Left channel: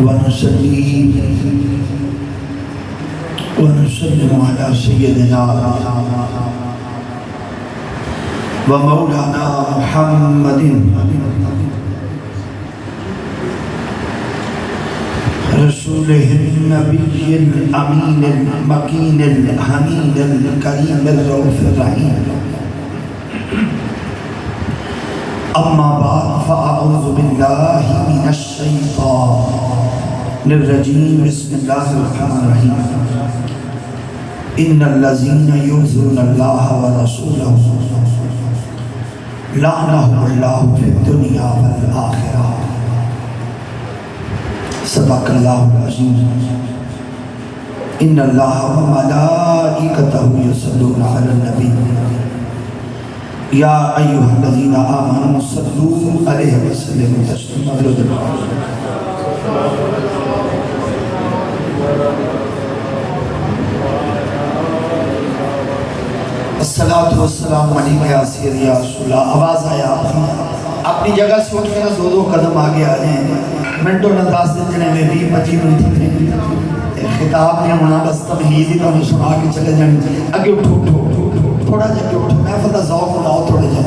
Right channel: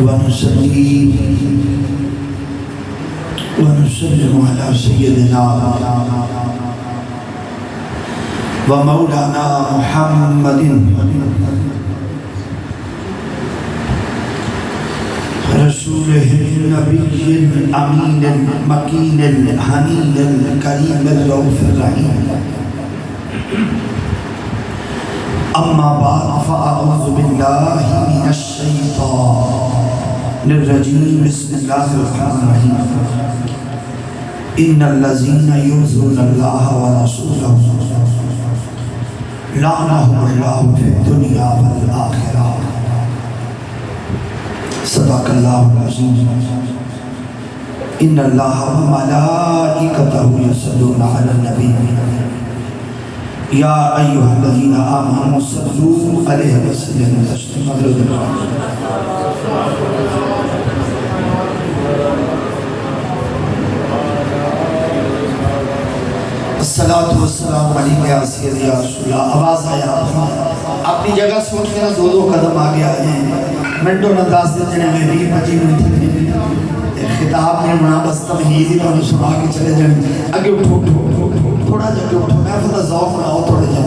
ونصلي ونسلم على سيدنا ومولانا محمد رسوله النبي الأمين المكين الحميد الكريم الرؤوف الرحيم. أما بعد فأعوذ بالله من الشيطان الرجيم. بسم الله الرحمن الرحيم. إن الذين يؤذون الله ورسوله لعنهم الله في الدنيا والآخرة. صدق الله العظيم. إن الله وملائكته يصلون على النبي يا أيها الذين آمنوا صلوا عليه وسلموا تسليما. الصلاة والسلام علیکہ یا سیدی یا رسول اللہ. آواز آیا اپنی جگہ سے اٹھ کے دو قدم آگے آ جائیں. منٹوں نہ 10 دن میں 20-25 منٹ خطاب میں ہونا بس تمہید ہی میں سنا کے چلے جائیں. اگے اٹھو تھوڑا جا کے اٹھو. محفل کا ذوق لاؤ تھوڑے جا.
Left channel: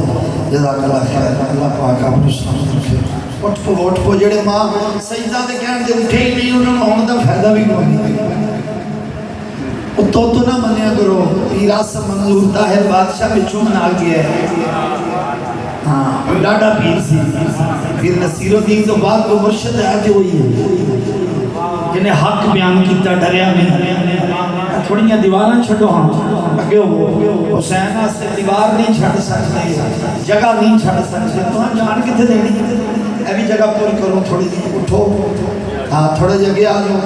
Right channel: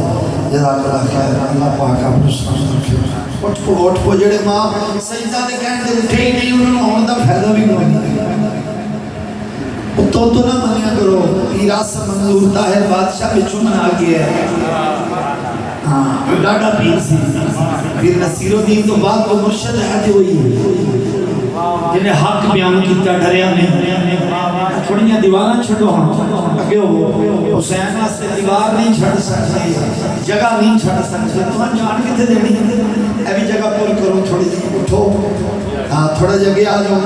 جزاک اللہ خیر. اللہ پاک آپ کو سلامت رکھے. اٹھ پو جڑے ماں سجدہ دے کہنے دے اٹھے ہی نہیں انہوں نے آن دا فائدہ بھی کوئی نہیں. تو نہ منیا کرو. پیرا سے منظور طاہر بادشاہ بچوں میں آگیا ہے. ڈاڈا پیر سی. پھر نصیر الدین تو بعد وہ مرشد ہے جو ہوئی ہے جنہیں حق بیان کیتا ڈریا نہیں. تھوڑیاں دیواریں چھڑو. ہاں اگے ہو حسین سے دیوار نہیں چھڑ سکتے, جگہ نہیں چھڑ سکتے. تمہیں جان کتے دینی اے بھی جگہ پور کرو. تھوڑی جی اٹھو. ہاں تھوڑا جگہ آ جاؤ.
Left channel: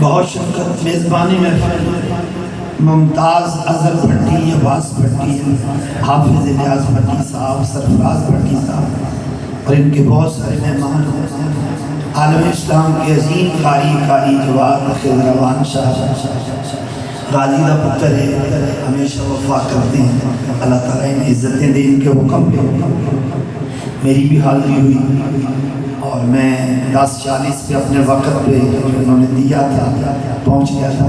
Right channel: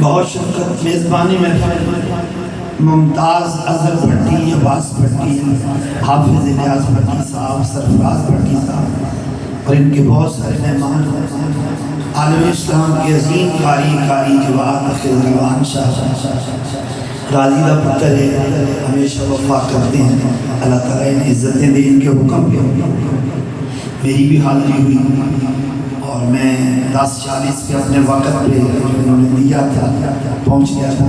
بہت شکر میزبانی میں ممتاز اظہر بھٹی, عباس بھٹی, حافظ الیاس بھٹی صاحب, سرفراز بھٹی صاحب اور ان کے بہت سارے مہمان, عالم اسلام کے عظیم قاری جواد خضروان صاحب راضی کا پتر ہے, ہمیشہ وفا کرتے ہیں. اللہ تعالیٰ ان عزتیں دے. ان کے حکم پہ میری بھی حاضری ہوئی اور میں 10:40 پہ اپنے وقت پہ انہوں نے دیا تھا, پہنچ گیا تھا.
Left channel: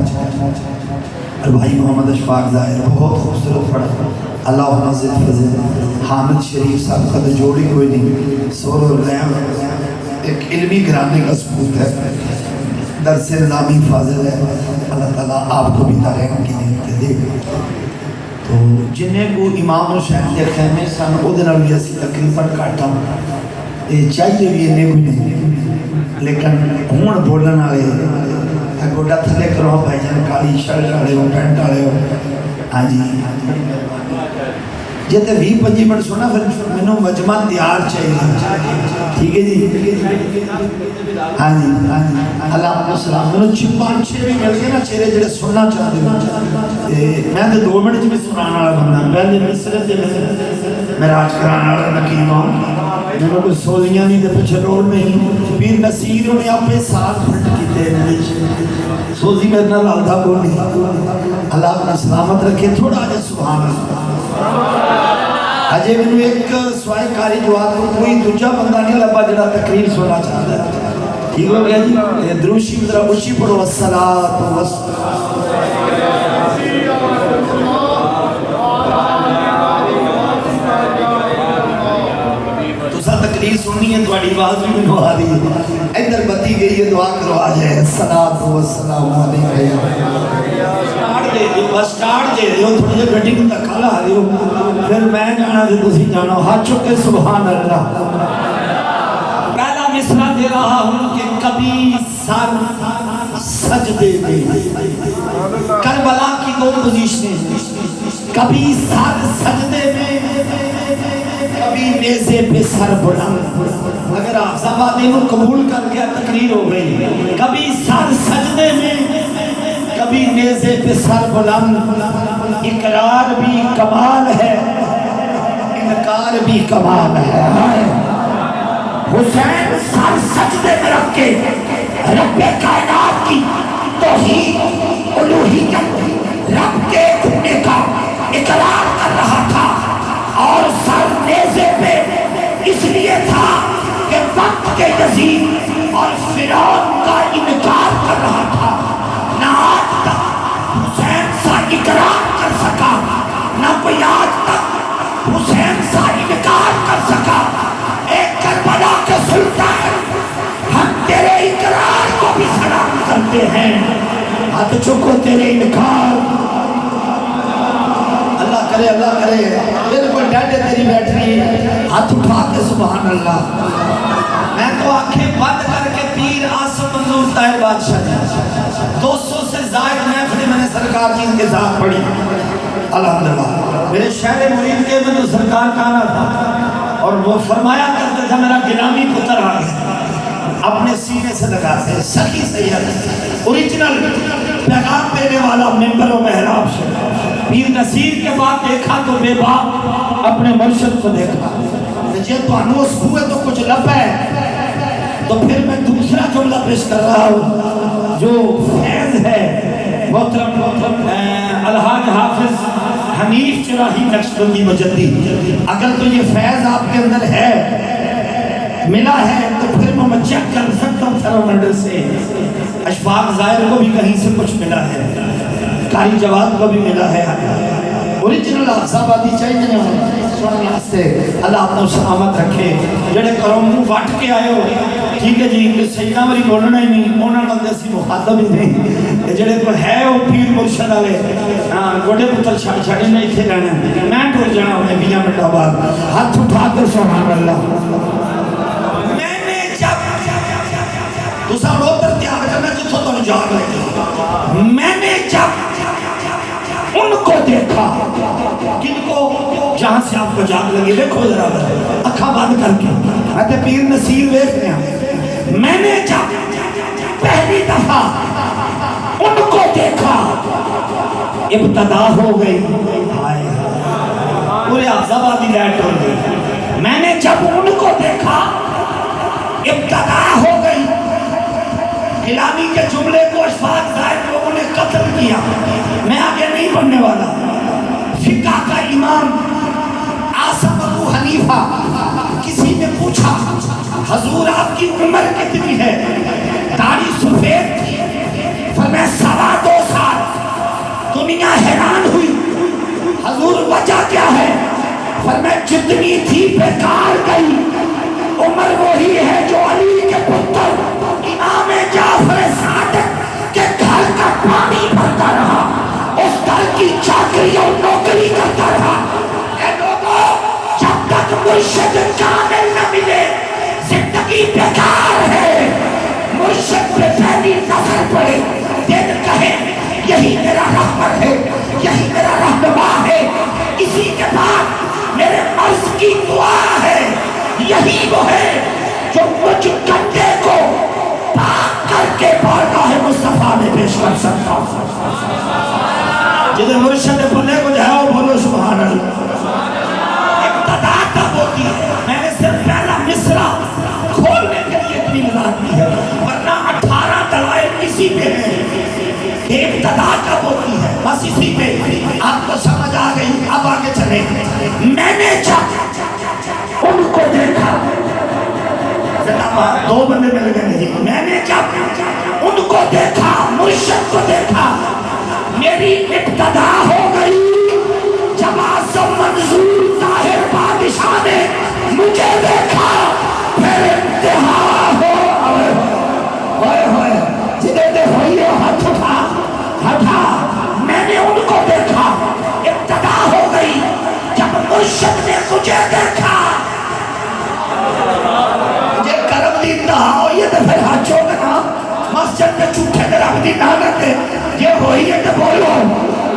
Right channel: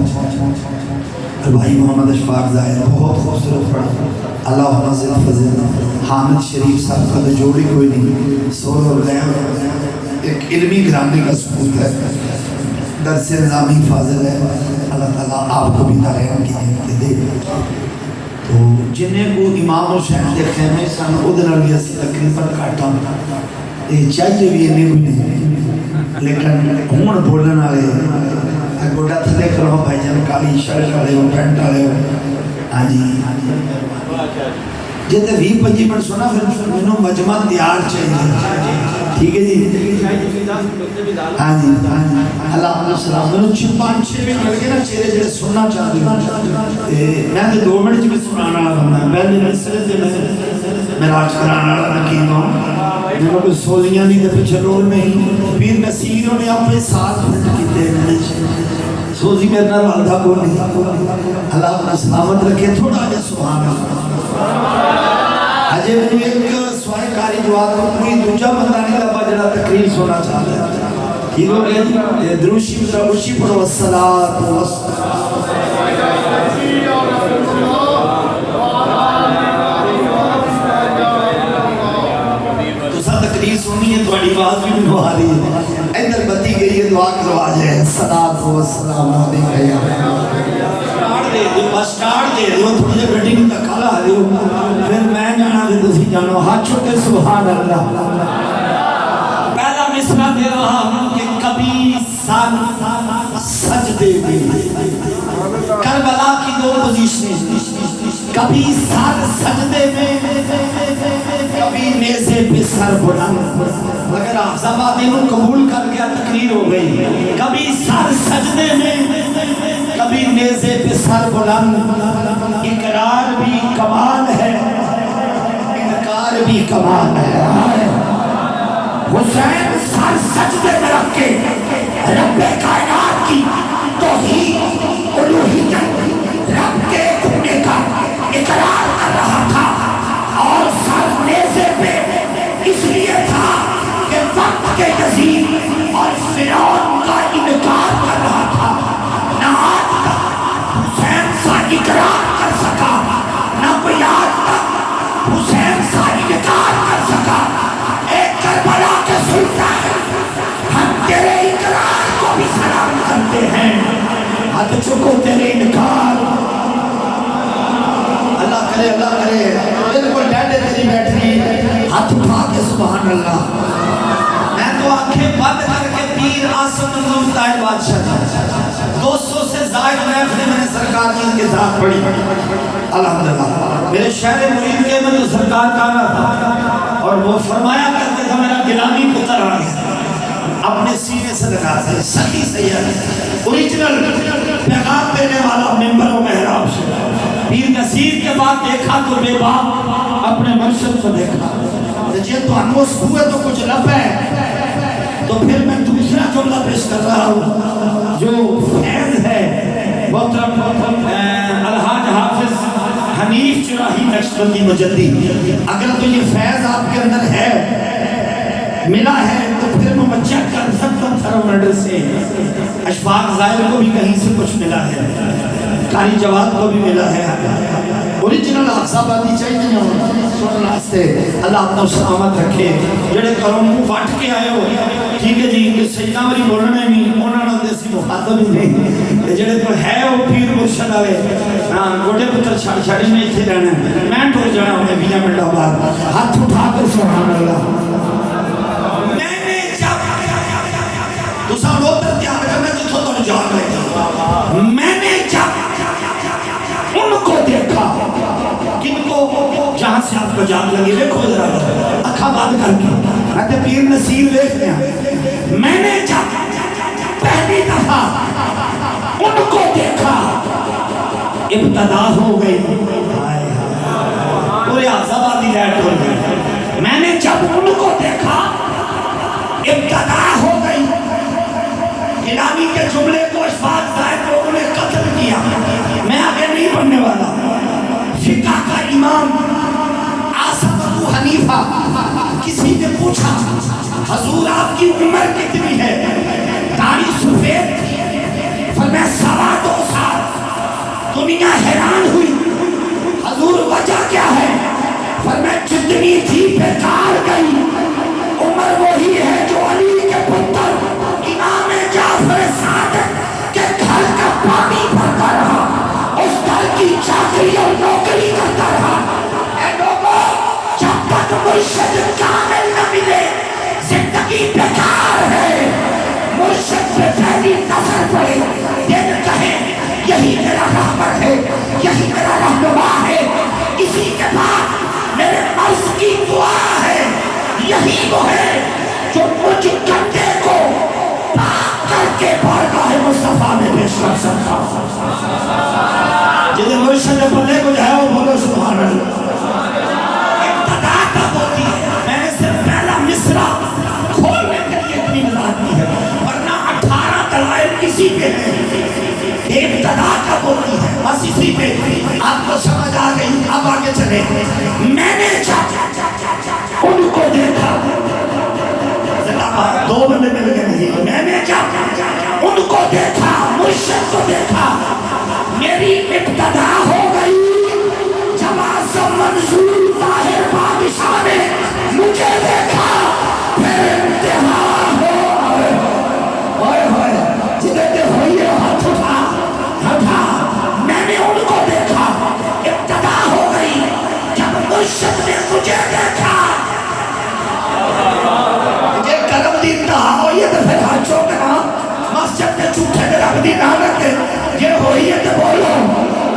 اور بھائی محمد اشفاق ظاہر بہت خوبصورت پڑھا. اللہ نظر فضل حامد شریف صاحب کا تو جوڑی کوئی نہیں. سور اور لہم ایک علمی گھرانے کا ثبوت ہے. درس نظامی فاضل ہے. اللہ تعالیٰ آپ کو بھی دائم کی نعمت دے. تو جنہیں کو امام حسین کے خیمے سن ادھر بھی اسی تقریباً کاٹا چاہیے بھی یہ نہیں, لیکن ہون بولن آئے گوڑا تھلے کرو بھائی جان. کالی شرٹ آئے ہو, پینٹ آئے ہو. ہاں جی جیتے 20-25 منٹ سونا پھر میں مجمع تیار چاہیے. ٹھیک ہے جی. ہاں جی اللہ علیہ السلام. میں 5-6 بھی مل گئے نا چہرے جڑے سننا چاہتے ہوں. میں تو 2 منٹ بھی سنانا بننا. پہلے مصرے سے میراج کرانا نکیم ہوں. میرے کوئی سولیاں نہیں دے پچھے رول نہیں. پیر نصیر نے اپنے ساتھ پھٹ کیتے ہیں. سوزی میرے نال آدھا کو نہیں. اللہ اپنا سلامت رکھے. تھوڑا آجا سبحان اللہ. اجے میں ایک سوائے کاری جواب کوئی دوجہ بندہ نہیں لبا جڑا تقریر سونا چاہتا ہے. ٹھیک ہو گیا جی. دروشی ذرا اونچی پڑھو. الصلاۃ والسلام تقریر سننی ہے. تھوڑی آواز بھی نہیں آ رہی ہے. ادھر بتی گئی ہے. دعا کرو آ جائے. الصلاۃ والسلام علیکہ یا بس سٹارٹ دے رہے ہو. تھوڑی جی گڈی میں دھکا لا رہے ہو. پھر میں جانا دے تسی جانو. ہاتھ چک کے سبحان اللہ. پہلا مصرع دے رہا ہوں کہ کبھی سر سجدے میں. کربلا کی 2 پوزیشنیں. کبھی سر سجدے میں, کبھی نیزے پہ سر بلند. مگر حافظ آباد نے وہ قبول کر گیا. تقریر ہو گئی. کبھی سر سجدے میں, کبھی نیزے پہ سر بلند. اقرار بھی کمال ہے, انکار بھی کمال ہے. حسین سر سجدے میں رکھ کے رب کائنات کی توحید الوہیت رب کے ہونے کا اقرار کر رہا تھا، اور سر نیزے پہ اس لیے تھا کہ وقت کے یزید اور فرعون کا انکار کر رہا تھا۔ نہ آج تک حسین سا اقرار کر سکا، نہ کوئی آج تک حسین سا انکار کر سکا۔ اے کربلا کے سلطان، ہم تیرے اقرار کو بھی سلام کرتے ہیں، ہاتھ چکو تیرے انکار۔ اللہ کرے بالکل ڈانڈے تیری بیٹھ رہی، ہاتھ اٹھا کے سبحان اللہ۔ میں تو آنکھیں بند کر کے پیر آصف منظور طاہر بادشاہ تھا، 200 سے زائد محفلیں میں نے سرکار کی ان کے ساتھ پڑھی الحمدللہ۔ میرے شہر مرید کے میں تو سرکار کا آنا تھا، اور وہ فرمایا کرتے تھا میرا غلامی پتر آ گیا، اپنے سینے سے لگاتے سخی سید اوریجنل پیغام دینے والا ممبر و محراب سے۔ پیر نصیر کے بعد دیکھا تو بے باپ اپنے مرشد کو دیکھا، جی تو انوس ہوئے تو کچھ لب ہے، تو پھر میں دوسرا جملہ پیش کر رہا ہوں جو فیض ہے محترم الحاج حافظ حنیف چراہی نقشبندی مجدی۔ اگر تو یہ فیض آپ کے اندر ہے، ملا ہے، تو پھر میں چیک کر سکتا ہوں تھرمومیٹر سے، اشفاق ظاہر کو بھی کہیں سے کچھ ملا ہے، قاری جواد کو بھی ملا ہے، اوریجنل احزاب آتی چاہیے نہیں سننا سے۔ اللہ اپنا سلامت رکھے، جڑے کروں منہ وٹ کے آئے ہو ٹھیک ہے جی، کہ سیدہ میری بولنا ہی نہیں، انہوں نے دیسی مخاطب ہی نہیں، جڑے تو ہے وہ پیر مرشد آئے گوڑے پتر چھاڑی میں اتھے رہنا ہے، میں ٹھوک جانا ہوں 20 منٹ بعد، ہاتھ اٹھا کر سبحان اللہ۔ میں نے جب دوسرا روتر کیا ہے، میں تو تو جان لگی، میں نے جب ان کو دیکھا، کن کو؟ جہاں سے آپ کو جان لگی، دیکھو ذرا اکھا بند کر کے، میں پیر نصیر دیکھ رہے ہیں۔ میں نے جب پہلی دفعہ ان کو دیکھا، ابتدا ہو گئی، پورے آزادی لیٹ ہو گئی۔ میں نے جب ان کو دیکھا، ابتدا ہو گئی۔ غلامی کے جملے کو اشفاق ظاہر لوگوں نے قتل کیا، میں آگے نہیں پڑھنے والا۔ فقہ کا امام آصف ابو حنیفہ، کسی نے پوچھا حضور آپ کی عمر کتنی ہے؟ داڑھی سفید تھی، فرمایا 2.25 سال۔ دنیا حیران ہوئی، حضور وجہ کیا ہے؟ فرمایا جتنی تھی بیکار گئی، عمر وہی ہے جو علی کے پتر امام جعفر صادق کے گھر کا پانی بھرتا رہا، اس گھر کی چاکری اور نوکری کرتا رہا۔ اے لوگوں، جب تک مرشد کامل نہ ملے زندگی بیکار ہے۔ مرشد پہ پہلی نظر پڑے، دل کہے یہی میرا رہبر ہے، یہی میرا رہنما ہے، اسی کے بعد میرے مرض کی دعا ہے، یہی وہ ہے جو مجھ گندے کو پاک کر کے بارگاہ مصطفیٰ میں پیش کر سکتا ہوں۔ جنہیں مرشد پلے کو جاؤ بولو سبحان اللہ۔ ابتدا تک ہوتی ہے، میں نے صرف پہلا مصرع کھولنے کے لیے اتنی وضاحت کی ہے، ورنہ 18 دلائل کسی پہ نہیں۔ ابتدا کب ہوتی ہے؟ بس اسی پہ آپ کو سمجھ آ گئی۔ اب آگے چلیں۔ میں نے جب ان کو دیکھا، دو بندے مل گئے نہیں، میں نے جب ان کو دیکھا، مرشد کو دیکھا، میری ابتدا ہو گئی۔ جب آصف منظور طاہر بادشاہ نے مجھے دیکھا، پھر انتہا ہوئے جنہیں دے ہوئی ہاتھ اٹھا، میں نے ان کو دیکھا، ابتدا ہو گئی۔ جب مرشد نے مجھے دیکھا، مجھے کرم دی انتہا ہوئی ہے، تو پھر ہاتھ چوکنا مسجد کے چھوٹے کے رب دی نہ رکھے، یہ ہوئی ہے تو بولو۔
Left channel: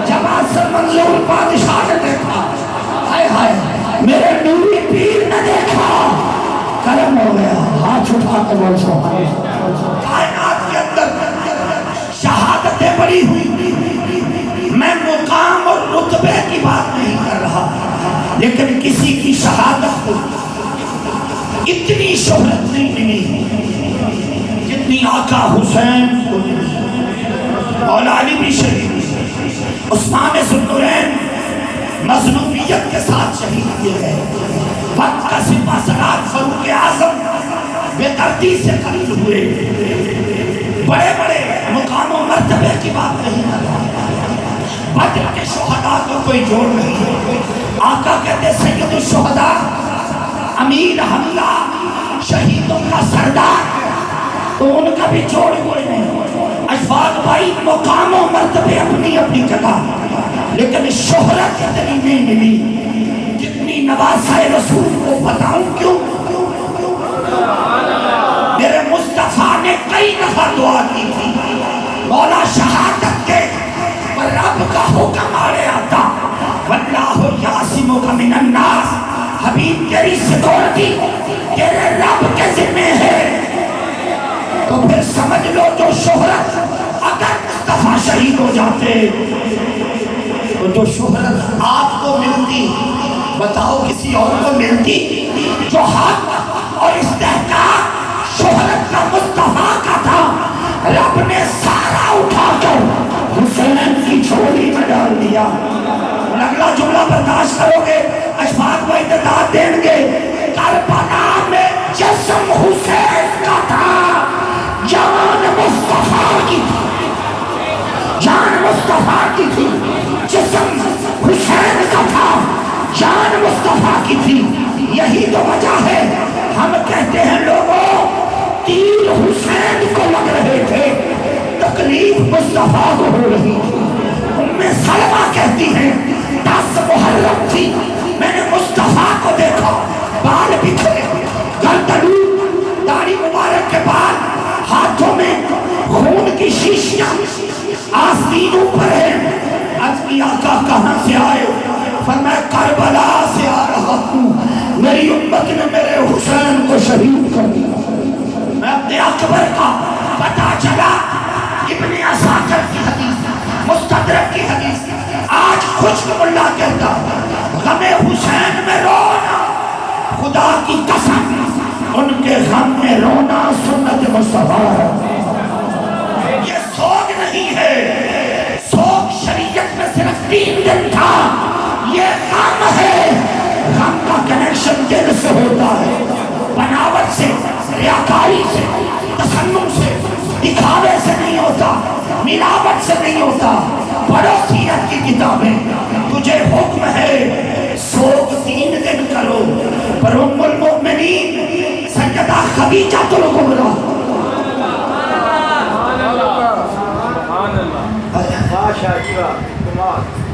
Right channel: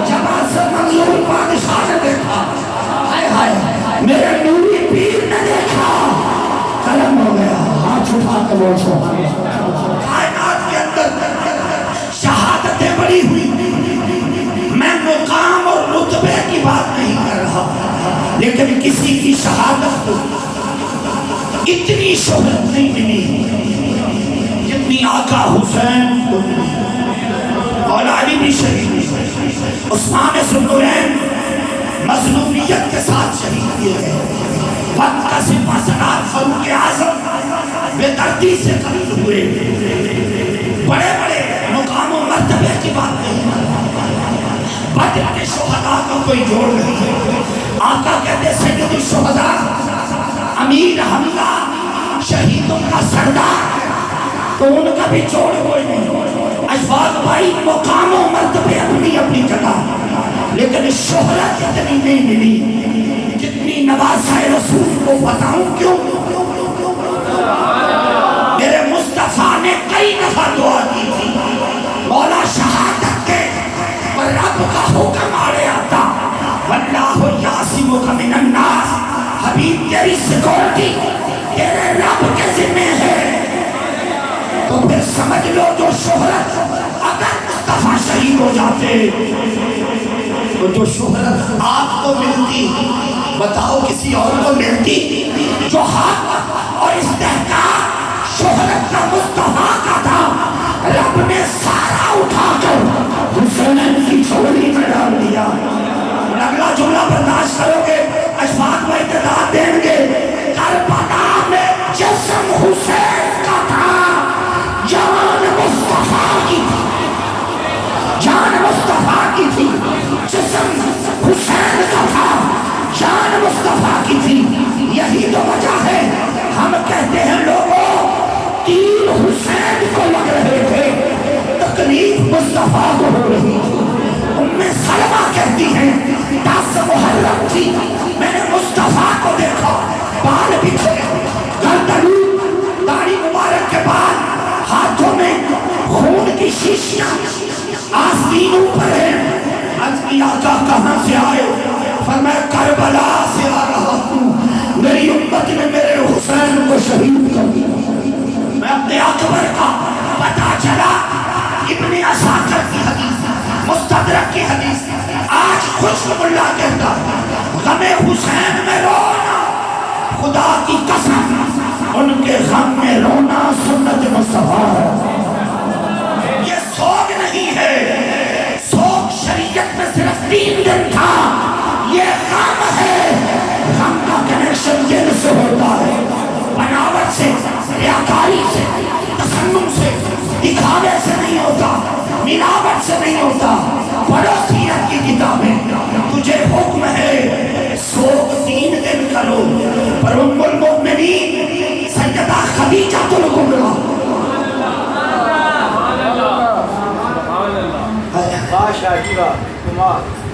جب آصف منظور بادشاہ نے دیکھا، ہائے ہائے میرے نوری پیر نے دیکھا، کرم ہو گیا۔ ہاتھ اٹھا کے بول سبحان اللہ۔ کائنات کے اندر شہادتیں بڑی ہوئی، میں مقام اور رتبے کی بات نہیں کر رہا، لیکن کسی کی شہادت اتنی شہرت نہیں ملی جتنی آقا حسین کو ملی۔ مولا علی بھی شہید، عثمان ذوالنورین مظلومیت کے ساتھ شہید کیے گئے، وقت کا سپہ سالار فاروق اعظم بے دردی سے قتل ہوئے۔ بڑے بڑے مقام و مرتبے کی بات نہیں، بدر کے شہداء کو کوئی جوڑ نہیں۔ آقا کہتے سید الشہداء، امیر حملہ، شہیدوں کا سردار، تو ان کا بھی جوڑ کوئی نہیں۔ اشفاق بھائی مقام و مرتبے اپنی اپنی جگہ، لیکن شہرت اتنی نہیں ملی جتنی نواسۂ رسول کو بتاؤں کیوں؟ میرے مصطفیٰ نے کئی دفعہ دعا کی تھی، مولا شہادت کے رب کا حکم آڑے آتا، واللہ یعصمک من الناس، حبیب تیری سیکورٹی تیرے رب کے ذمہ ہے۔ تو پھر سمجھ لو جو شہرت اگر مصطفیٰ شہید ہو جاتے تو جو شہرت آپ کو ملتی بتاؤ کسی اور کو ملتی؟ جو حق اور استحقاق شہرت کا مصطفیٰ کا تھا، رب نے سارا اٹھا کر حسین کی جھولی میں ڈال دیا۔ اگلا جملہ برداشت کرو گے، اشفاق بھائی تعداد دیں گے، کربلا میں جسم حسین کا تھا، جان مصطفیٰ کی تھی، جان مصطفیٰ کی تھی، جسم حسین کا تھا، جان مصطفیٰ کی تھی۔ یہی تو وجہ ہے ہم کہتے ہیں لوگوں تیر حسین کو لگ رہے تھے، تکلیف مصطفیٰ کو ہو رہی تھی۔ ام سلمہ کہتی ہیں 10 محرم تھی، میں نے مصطفیٰ کو دیکھا، بال بکھرے، گردن، داڑھی مبارک کے بعد، ہاتھوں میں خون کی شیشیاں، آستینوں پر ہیں۔ عرض کی آقا کہاں سے آئے؟ فرمایا کربلا سے آ رہا ہوں، میری امت نے میرے حسین کو شہید کر دیا۔ میں اپنے اکبر کا پتہ چلا، ابن عساکر کی حدیث، مستدرک کی حدیث، آج خشک اللہ کہتا غم حسین میں رونا، خدا کی قسم ان کے غم میں رونا سنت مصطفیٰ ہے۔ یہ سوگ نہیں ہے، سوگ شریعت میں صرف 3 دن تھا، یہ غم ہے۔ غم کا کنیکشن دل سے ہوتا ہے، بناوٹ سے، ریاکاری سے، تصنم سے، دکھاوے سے نہیں ہوتا، ملاوٹ سے نہیں ہوتا۔ پڑھو سیرت کی کتابیں، تجھے حکم ہے سوگ 3 دن کرو، پر ام المؤمنین سیدہ خدیجہ الکبریٰ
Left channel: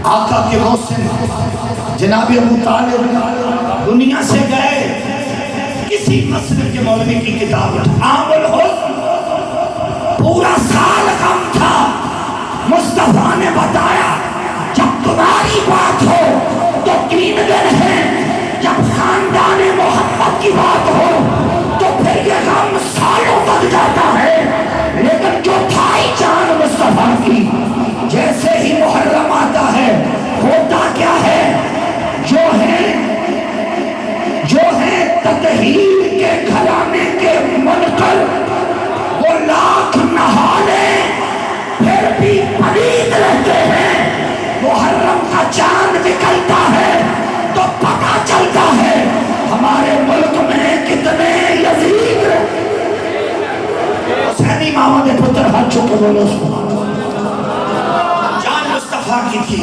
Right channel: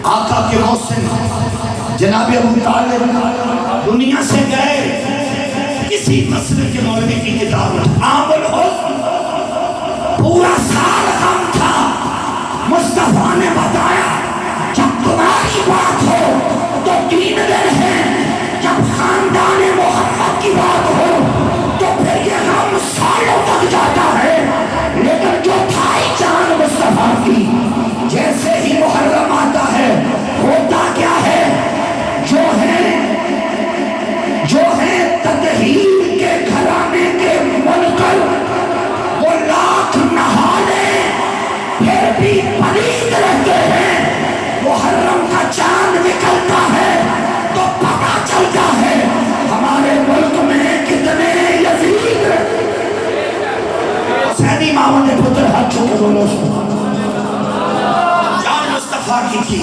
آقا کے محسن جناب ابو طالب دنیا سے گئے، کسی مسئلے کے مولوی کی کتاب عام الحسن، پورا سال غم تھا۔ مصطفیٰ نے بتایا جب تمہاری بات ہو تو 3 دن ہیں، جب خاندان محمد کی بات ہو تو پھر یہ غم سالوں تک جاتا ہے۔ لیکن جو تھا ہی جان مصطفیٰ کی، جیسے ہی محرم آتا ہے ہوتا کیا ہے؟ جو ہے تطہیر کے گھرانے کے منکر، وہ لاکھ نہا لیں پھر بھی پلید رہتے ہیں۔ محرم کا چاند نکلتا ہے تو پتہ چلتا ہے ہمارے ملک میں کتنے یزید۔ حسینی محمد پتر ہاتھ چھوٹے بولو جان مصطفیٰ کی تھی۔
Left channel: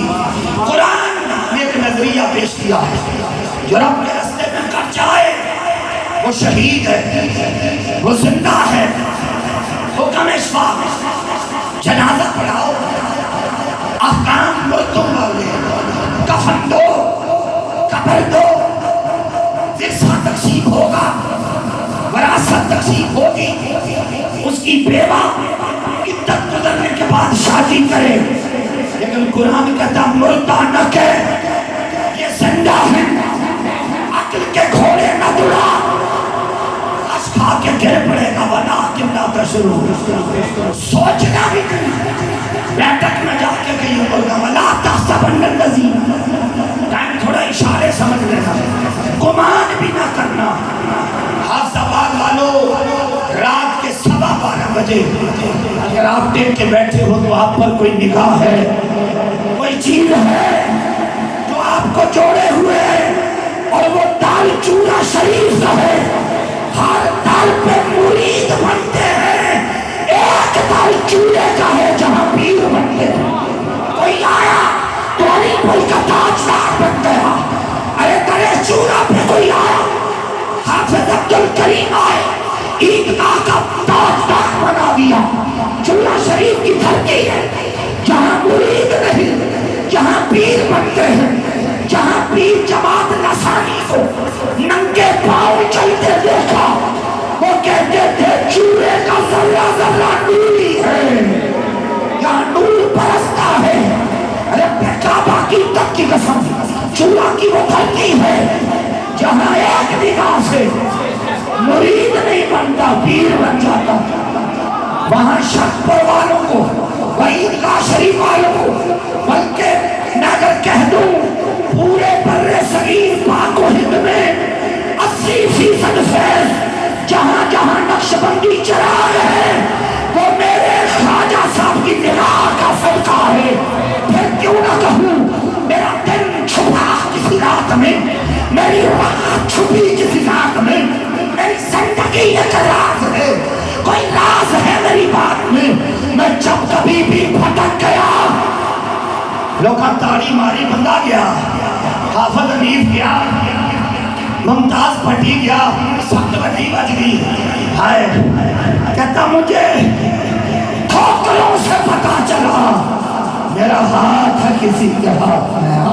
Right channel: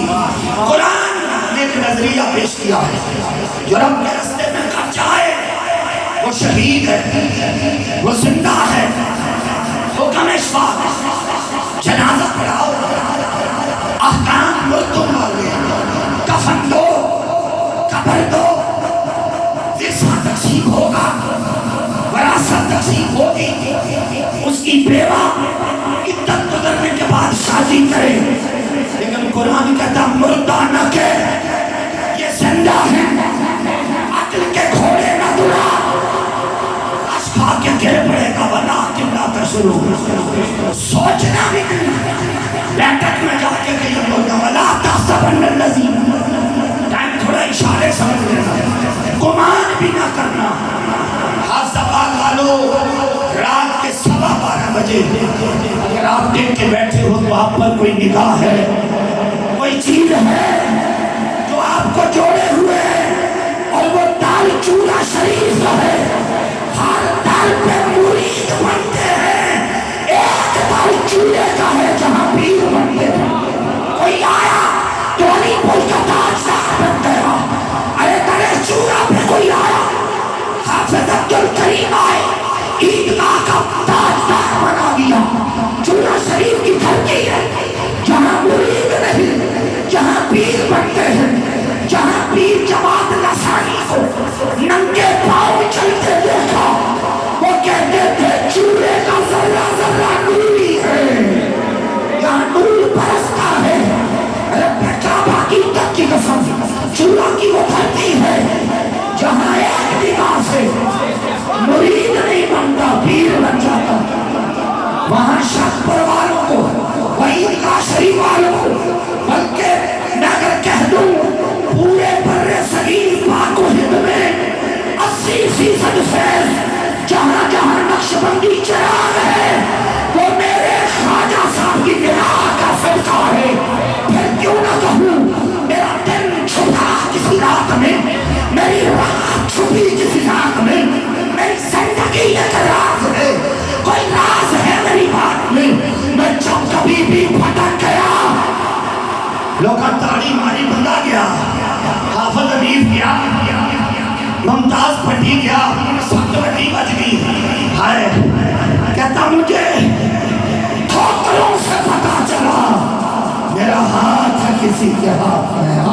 قرآن نے ایک نظریہ پیش کیا ہے، جو رب کے رستے میں کر جائے وہ شہید ہے، وہ زندہ ہے۔ حکم اشفاق، جنازہ پڑھاؤ، احکام مرتب والے، کفن دو، قبر دو، ورثہ تقسیم ہوگا، وراثت تقسیم ہوگی، اس کی بیوہ عدت گزرنے کے بعد شادی کرے۔ لیکن قرآن کہتا مردہ نہ کہ یہ زندہ ہے، عقل کے گھوڑے نہ دوڑا، اشفاق کے گر پڑے گا ولا کتنا بشرو، سوچنا بھی نہیں، بیٹھک میں جا کے کہیں بولنا ولا تحسبن الذین، ٹائم تھوڑا اشارے سمجھ لینا، گمان بھی نہ کرنا۔ بجے اگر آپ ٹیک کے بیٹھے ہو تو آپ پر کوئی نگاہ ہے، کوئی چیز ہے جو آپ کو جوڑے ہوئے ہے، اور وہ دال چورا شریف ہے۔ ہر دال پہ مرید بنتے ہیں، ایک دال چورے کا ہے جہاں پیر بنتے ہیں۔ کوئی آیا تو علی پل کا تاجدار بن گیا، ارے درے چورا پہ کوئی آیا، حافظ عبد الکریم آئے، عیدگاہ کا تاجدار بنا دیا۔ چورا شریف کی دھرتی ہے جہاں مرید نہیں، جہاں پیر بنتے ہیں، جہاں پیر جماعت نصرانی کو ننگے پاؤں چلتے دیکھا، وہ کہتے تھے چورے کا ذرہ ذرہ نوری ہے، یہاں نور برستا ہے۔ رب کعبہ کی تک کی قسم، چورا کی وہ دھرتی ہے جہاں ایک نگاہ سے مرید نہیں بنتا، پیر بن جاتا۔ وہاں شکر والوں کو، عیدگاہ شریف والوں کو، بلکہ میں اگر کہہ دوں پورے بر صغیر پاک و ہند میں 80% فیض جہاں جہاں نقشبندی چراغ ہے وہ میرے خواجہ صاحب کی نگاہ کا صدقہ ہے۔ پھر کیوں نہ کہوں میرا دن چھپا کسی رات میں، میری رات چھپی کسی رات میں، میری زندگی ایک راز ہے، کوئی راز ہے میری بات میں۔ میں جب کبھی بھی بھٹک گیا، لوگا تاڑی ماری بندہ گیا، حافظ حنیف گیا، ممتاز پھٹی گیا، سخت بٹی بچ گئی، ہائے کہتا مجھے ٹھوکروں سے پتا چلا میرا ہاتھ ہے کسی کے ہاتھ میں۔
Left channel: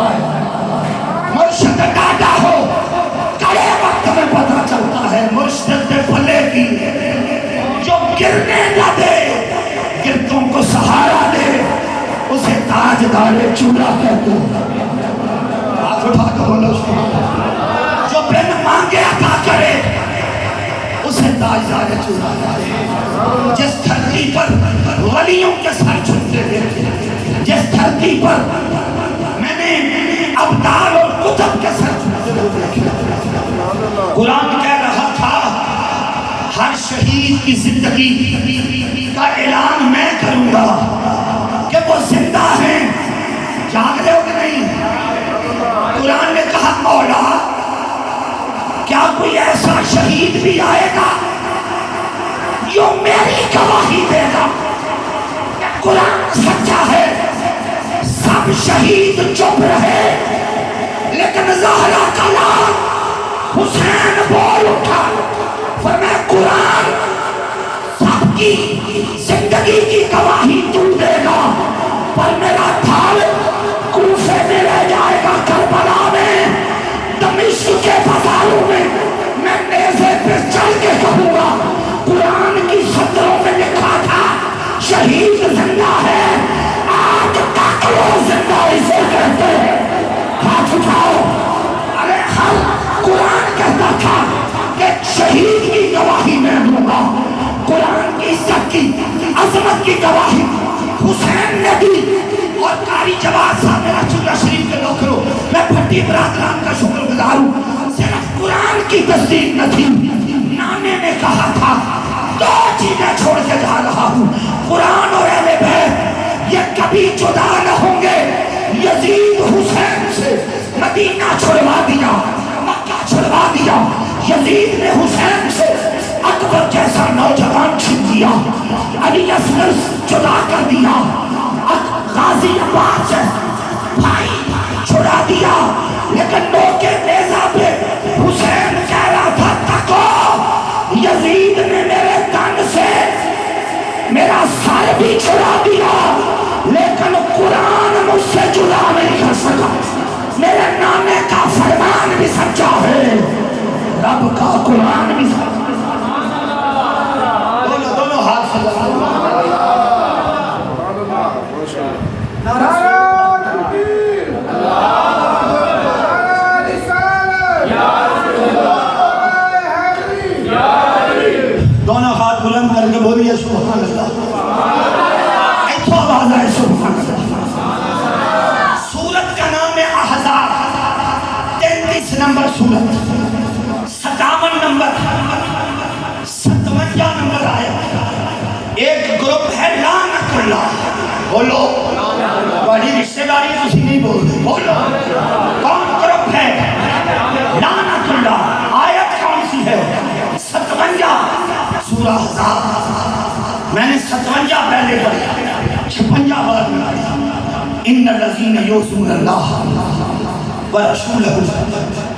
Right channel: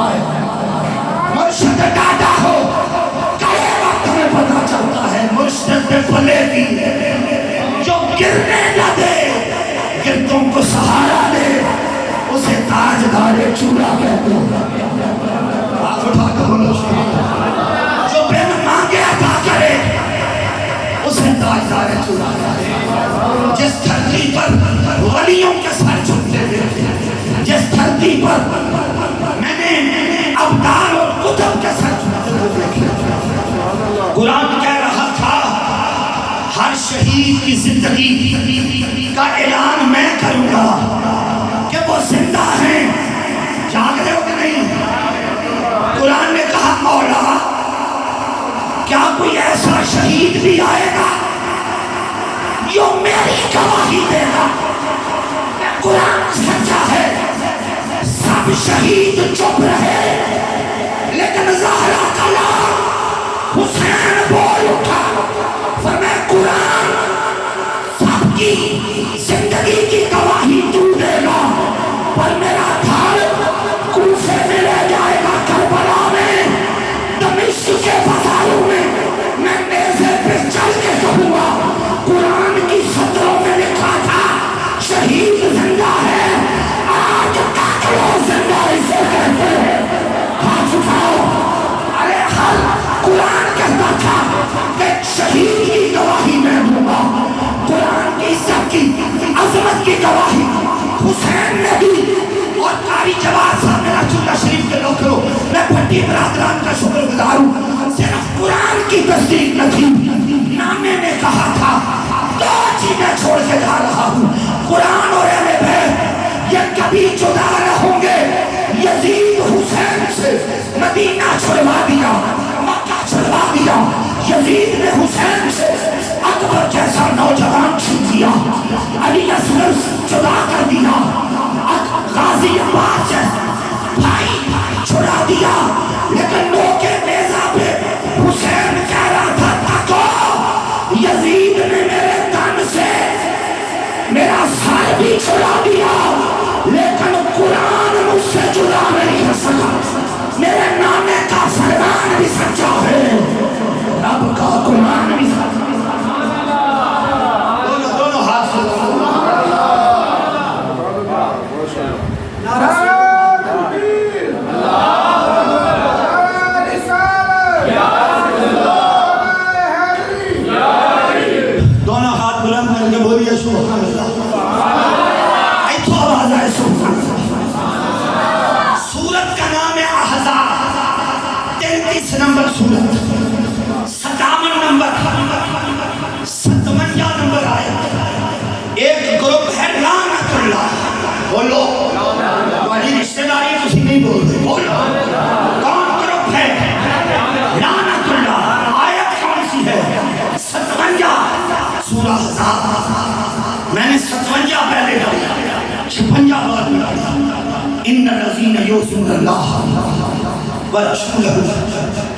مرشد ڈاٹا ہو کڑے وقت میں پتا چلتا ہے، مرشد پہ پلے کی جو گرنے نہ دے، گرتوں کو سہارا دے، اسے تاجدار چورا کہتے ہیں۔ ہاتھ اٹھا کر بولو، جو بن مانگے عطا کرے اسے تاجدار چورا کہتے ہیں۔ جس دھرتی پر ولیوں کے سر جھکتے دیکھے، جس دھرتی پر میں نے ابدال اور قطب کے سر جھکتے دیکھے، قرآن کہہ رہا تھا ہر شہید کی زندگی کا اعلان میں کروں گا کہ وہ زندہ ہیں، جاگ رہے ہو کہ نہیں؟ قرآن نے کہا مولا کیا کوئی ایسا شہید بھی آئے گا جو میری گواہی دے گا؟ قرآن سچا ہے، سب شہید چپ رہے، لیکن زہرا کا لال حسین بول اٹھا، فرمایا قرآن سب کی زندگی کی گواہی تو دے گا، پر میرا تھال کوفے میں رہ جائے گا، کربلا میں، دمشق کے بازاروں میں میں نیزے پہ چل کے کہوں گا قرآن کی سطروں میں لکھا تھا شہید زندہ ہے، آج تک وہ زندہ اسے کہتے ہیں۔ ہاتھ اٹھاؤ، ارے ہر قرآن کہتا تھا کہ شہید کی گواہی میں دوں گا، قرآن کی عزت کی عظمت کی گواہی حسین نے دی۔ اور قاری جواد صاحب رسول شریف کے لوگوں، میں پھٹی برادران کا شکر گزار ہوں، صرف قرآن کی تصدیق نہ تھی، نانے نے کہا تھا دو چیزیں چھوڑ کے جا رہا ہوں، قرآن اور اہل بیت یہ کبھی جدا نہ ہوں گے۔ یزید حسین سے مدینہ چھڑوا دیا، مکہ چھڑوا دیا، یزید نے حسین سے اکبر جیسا نوجوان چھین دیا، علی اصغر جدا کر دیا، غازی عباس سے بھائی چھڑا دیا، لیکن موقع نیزہ پہ حسین کہہ رہا تھا تکو یزید نے میرے تن سے میرا سر بھی چھڑا دیا، لیکن قرآن مجھ سے جدا نہیں کر سکا، میرے نانے کا فرمان بھی سچا ہے، رب کا قرآن بھی سچا ہے۔ دونوں ہاتھ سے دونوں ہاتھ بلند کر کے بولیے سبحان اللہ، ایتھو آواز آئے سبحان اللہ۔ سورت کا نام ہے احزاب، 33 نمبر سورت، 57 نمبر، 57 نمبر آیا، ایک گروپ ہے لعنت اللہ. بولو تمہاری رشتہ داری تسی نہیں بولتے. بولو کون گروپ ہے لعنت اللہ. آیت کون سی ہے؟ 57 سورہ احزاب. میں نے 57 پہلے پڑھی، 56 بعد میں پڑھی. ان الذین یؤذون اللہ ورسولہ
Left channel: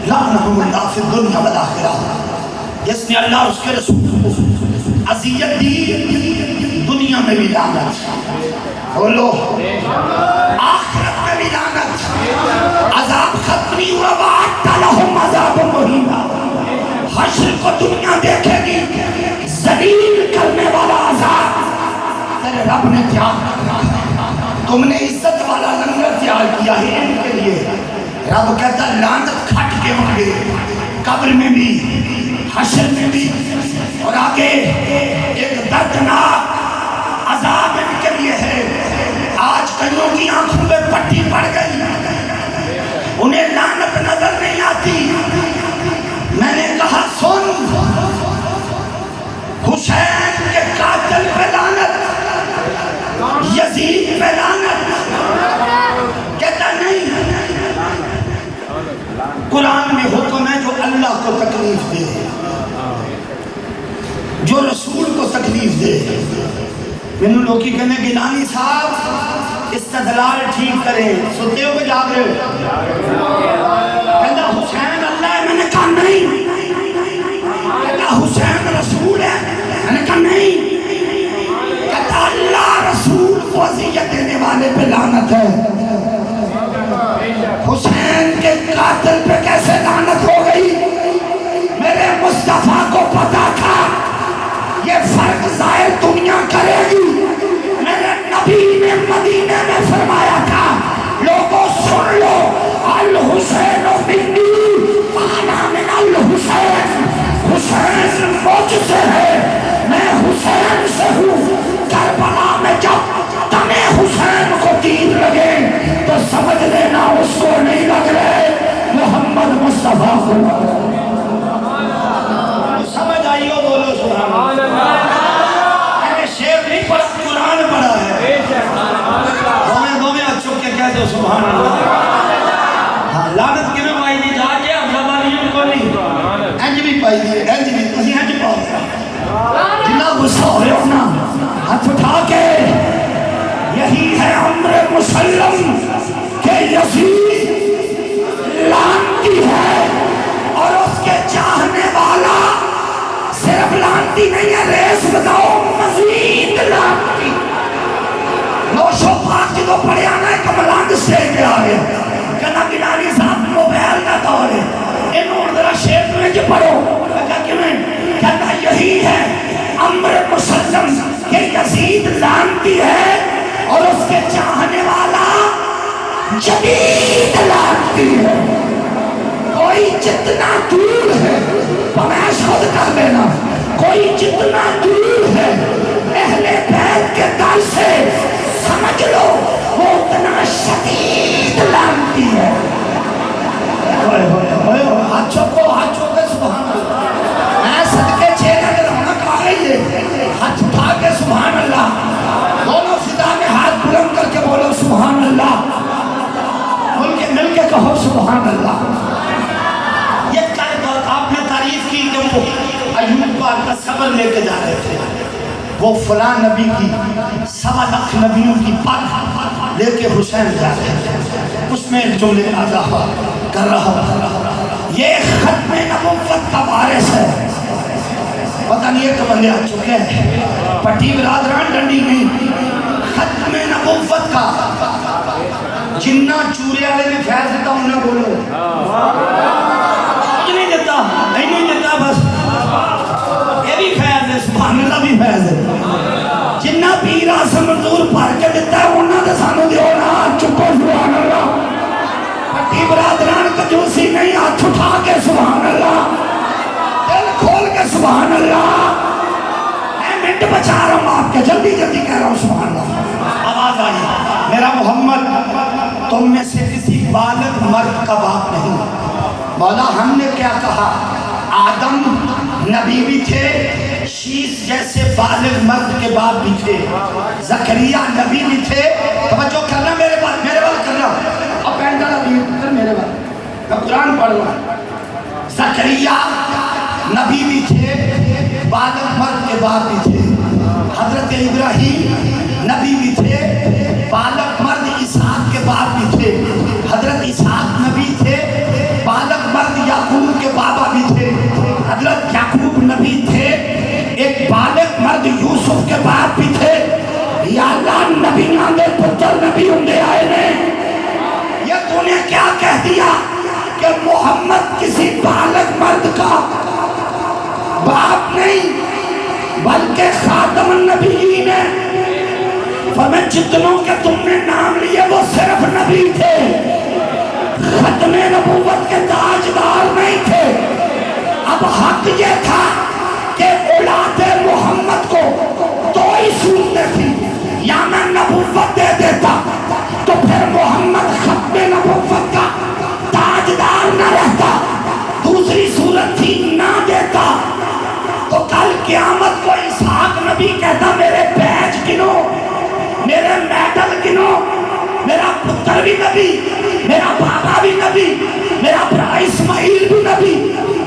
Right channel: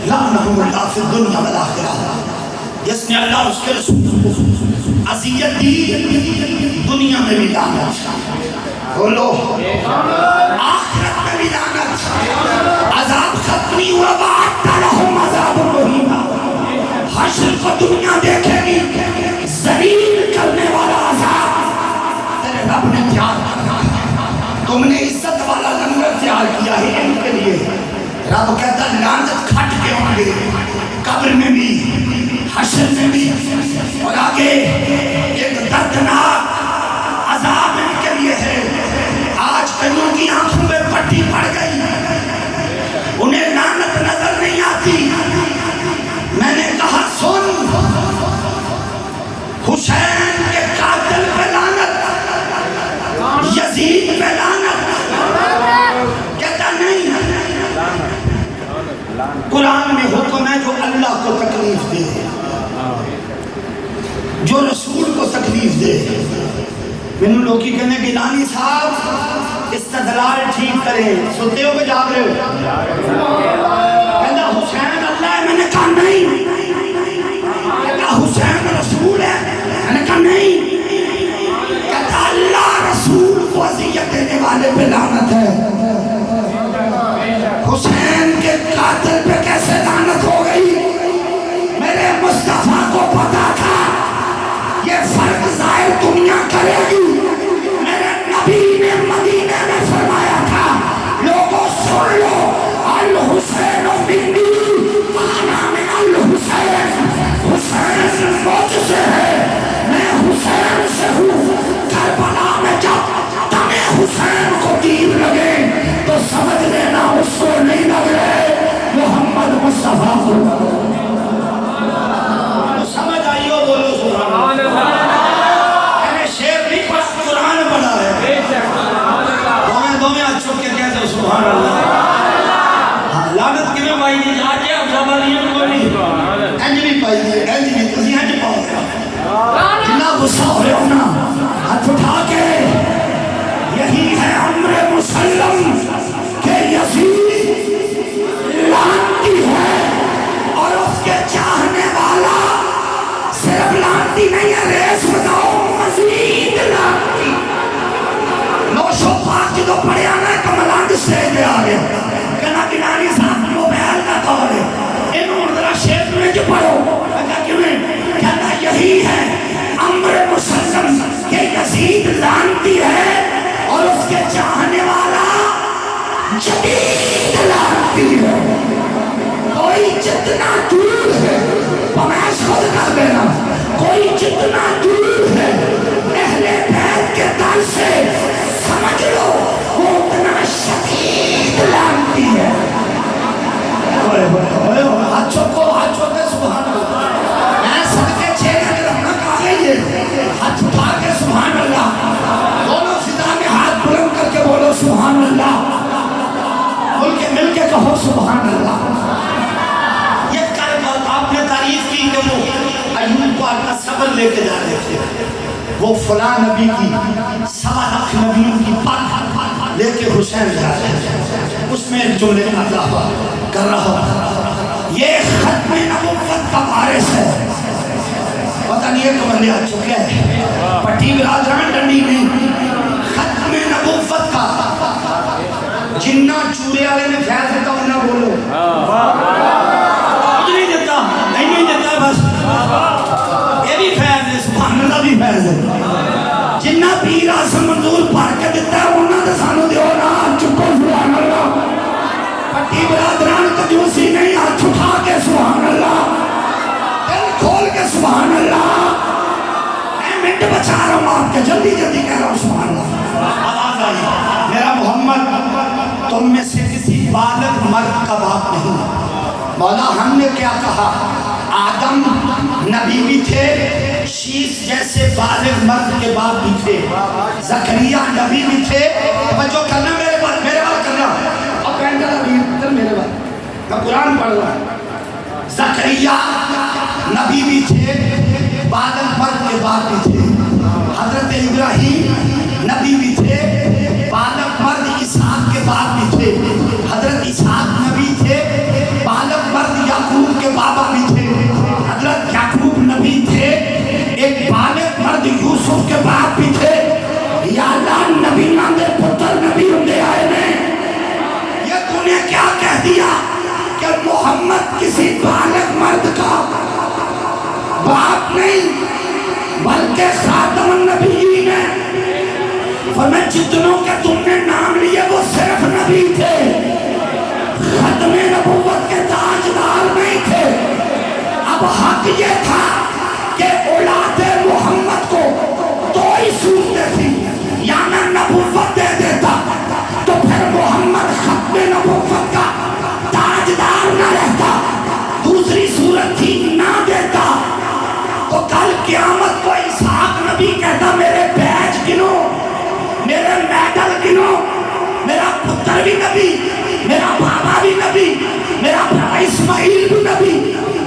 لعنہم اللہ فی الدنیا والآخرہ. جس نے اللہ اور اس کے رسول کو اذیت دی دنیا میں بھی لعنت، بولو آخرت میں بھی لعنت. عذاب ختم نہیں ہوا، وَأَعْتَ لَهُمْ عَذَابًا مُّهِينًا. حشر کو دنیا دیکھے گی ذلیل کرنے والا عذاب تیرے رب نے تیار کرنا. تم نے عزت والا لنگر تیار کیا ہے ان کے لیے. رب کہتا لعنت کھٹ کے ہوں گے قبر میں بھی حشر میں بھی. اور آگے ایک دردناک عذاب ان کے لیے ہے. آج کئیوں کی آنکھوں میں پٹی پڑ گئی، انہیں لعنت نظر نہیں آتی. میں نے کہا سن، حسین کے قاتل پہ لعنت، یزید پہ لعنت. کہتا نہیں، قرآن میں حکم ہے جو اللہ کو تکلیف دے، جو رسول کو تکلیف دے. انہوں لوگ کی کہنے گیلانی صاحب استدلال ٹھیک کریں. سنتے ہو کہ جاگ رہے ہو؟ کہتا حسین اللہ ہے. میں نے کہا نہیں. کہتا حسین رسول ہے. میں نے کہا نہیں. کہتا اللہ رسول کو اذیت دینے والے پہ لعنت ہے. حسین کے قاتل پہ کیسے لعنت ہو گئی؟ میرے مصطفیٰ کو پتا تھا یہ فرق ظاہر دنیا کرے گی. میرے نبی نے مدینے میں فرمایا تھا لوگوں سن لو، الحسین منی وانا من الحسین. حسین مجھ سے ہے، میں حسین سے ہوں. کربلا میں جب تمہیں حسین کو تیر لگے تو سمجھ لینا اس کو نہیں لگ رہے، محمد مصطفیٰ کو. سمجھ آئی ہو؟ بولو سبحان اللہ. میں نے شعر نہیں پڑھا، قرآن پڑھا ہے. دو میں اچھو کے کہہ دو سبحان اللہ. لعنت کیوں پائی نہیں جا کے اب زبانیوں کو نہیں انج بھی پائی دی، انج بھی تسی انج پاؤ. جنہ غصہ ہوئے ہونا ہاتھ اٹھا کے یہی ہے امر مسلم کہ یزید لعنتی ہے اور اس کے چاہنے والا صرف لعنتی نہیں ہے، ریس بتاؤ مزید لعنتی. نوشو پاک جدو پڑے آنا ہے کہ ملانگ سٹیج پہ آ گیا. کہنا گیلانی صاحب موبائل کا دور ہے، انہوں ذرا شیپ میں جو پڑھو. کہا کہ میں کہتا یہی ہے امر مسلم کہ یزید لعنتی ہے اور اس کے چاہنے والا جدید لعنتی ہے. کوئی جتنا دور ہے، بمائش خود کر دینا، کوئی جتنا دور ہے اہل بیت کے در سے سمجھ لو وہ اتنا شدید لعنتی ہے. ہاتھوں کو سبحان اللہ. میں صدقے چہرے کے رونق آ گئی ہے. ہاتھ اٹھا کے سبحان اللہ، دونوں فضا میں ہاتھ بلند کر کے بولو سبحان اللہ. مل کے کہو سبحان اللہ. یہ کر آپ نے تعریف کی کہ وہ ایوب پاک کا صبر لے کے جا رہے تھے. وہ فلاں نبی کی 1.25 لاکھ نبیوں کی پاک لے کے حسین جا رہے تھے. اس میں ایک جملے اضافہ کر رہا ہوں، یہ ختم نبوت کا وارث ہے. پتہ نہیں ہے تو بندے آ چکے ہیں پٹی برادران ڈنڈی نہیں. ختم نبوت کا جنہ چورے والے نے فیض دیتا انہاں بولو کچھ نہیں دیتا، نہیں دیتا. بس یہ بھی فیض ہے، سبحان اللہ بھی فیض ہے. جنہ پیر آسم منظور پڑھ کے دیتا ہے انہاں دے سانو دیو نا. چپو سبحان اللہ. پٹی برادران کنجوسی نہیں، ہاتھ اٹھا کے سبحان اللہ، دل کھول کے سبحان اللہ. میں منٹ بچا رہا ہوں آپ کے، جلدی جلدی کہہ رہا ہوں سبحان اللہ. آواز آئی میرا محمد تم میں سے کسی بالغ مرد کا باپ نہیں. مولا ہم نے کیا کہا؟ آدم نبی بھی تھے، شیش جیسے بالغ مرد کے باپ بھی تھے، زکریا نبی بھی تھے. توجہ کرنا میرے بات کرنا، اور کہنا نبی پتر میرے بات، میں قرآن پڑھ رہا ہوں. زکریا نبی بھی تھے، بالغ مرد کے باپ بھی تھے. حضرت ابراہیم نبی بھی تھے، بالغ مرد اسحاق کے باپ بھی تھے. حضرت اسحاق نبی تھے، بالغ مرد یعقوب کے بابا بھی تھے. حضرت یعقوب نبی تھے، ایک بالغ مرد یوسف کے باپ بھی تھے. یا اللہ نبیاں دے پتر نبی ہوندے آئے نے. یہ تو نے کیا کہہ دیا کہ محمد کسی بالغ مرد کا باپ نہیں بلکہ خاتم النبیین ہے. فرمایا جتنوں کے تم نے نام لیے وہ صرف نبی تھے، ختم نبوت کے تاجدار نہیں تھے. اب حق یہ تھا کہ اولاد محمد کو دو ہی صورتیں تھی، یا میں نبوت دے دیتا تو پھر محمد ختم نبوت کا تاجدار نہ رہتا، دوسری صورت تھی نہ دیتا تو کل قیامت کو اسحاق نبی کہتا میرے بیج گنو، میرے میڈل گنو، میرا پتر بھی نبی، میرا بابا بھی نبی، میرا بھائی اسماعیل بھی نبی،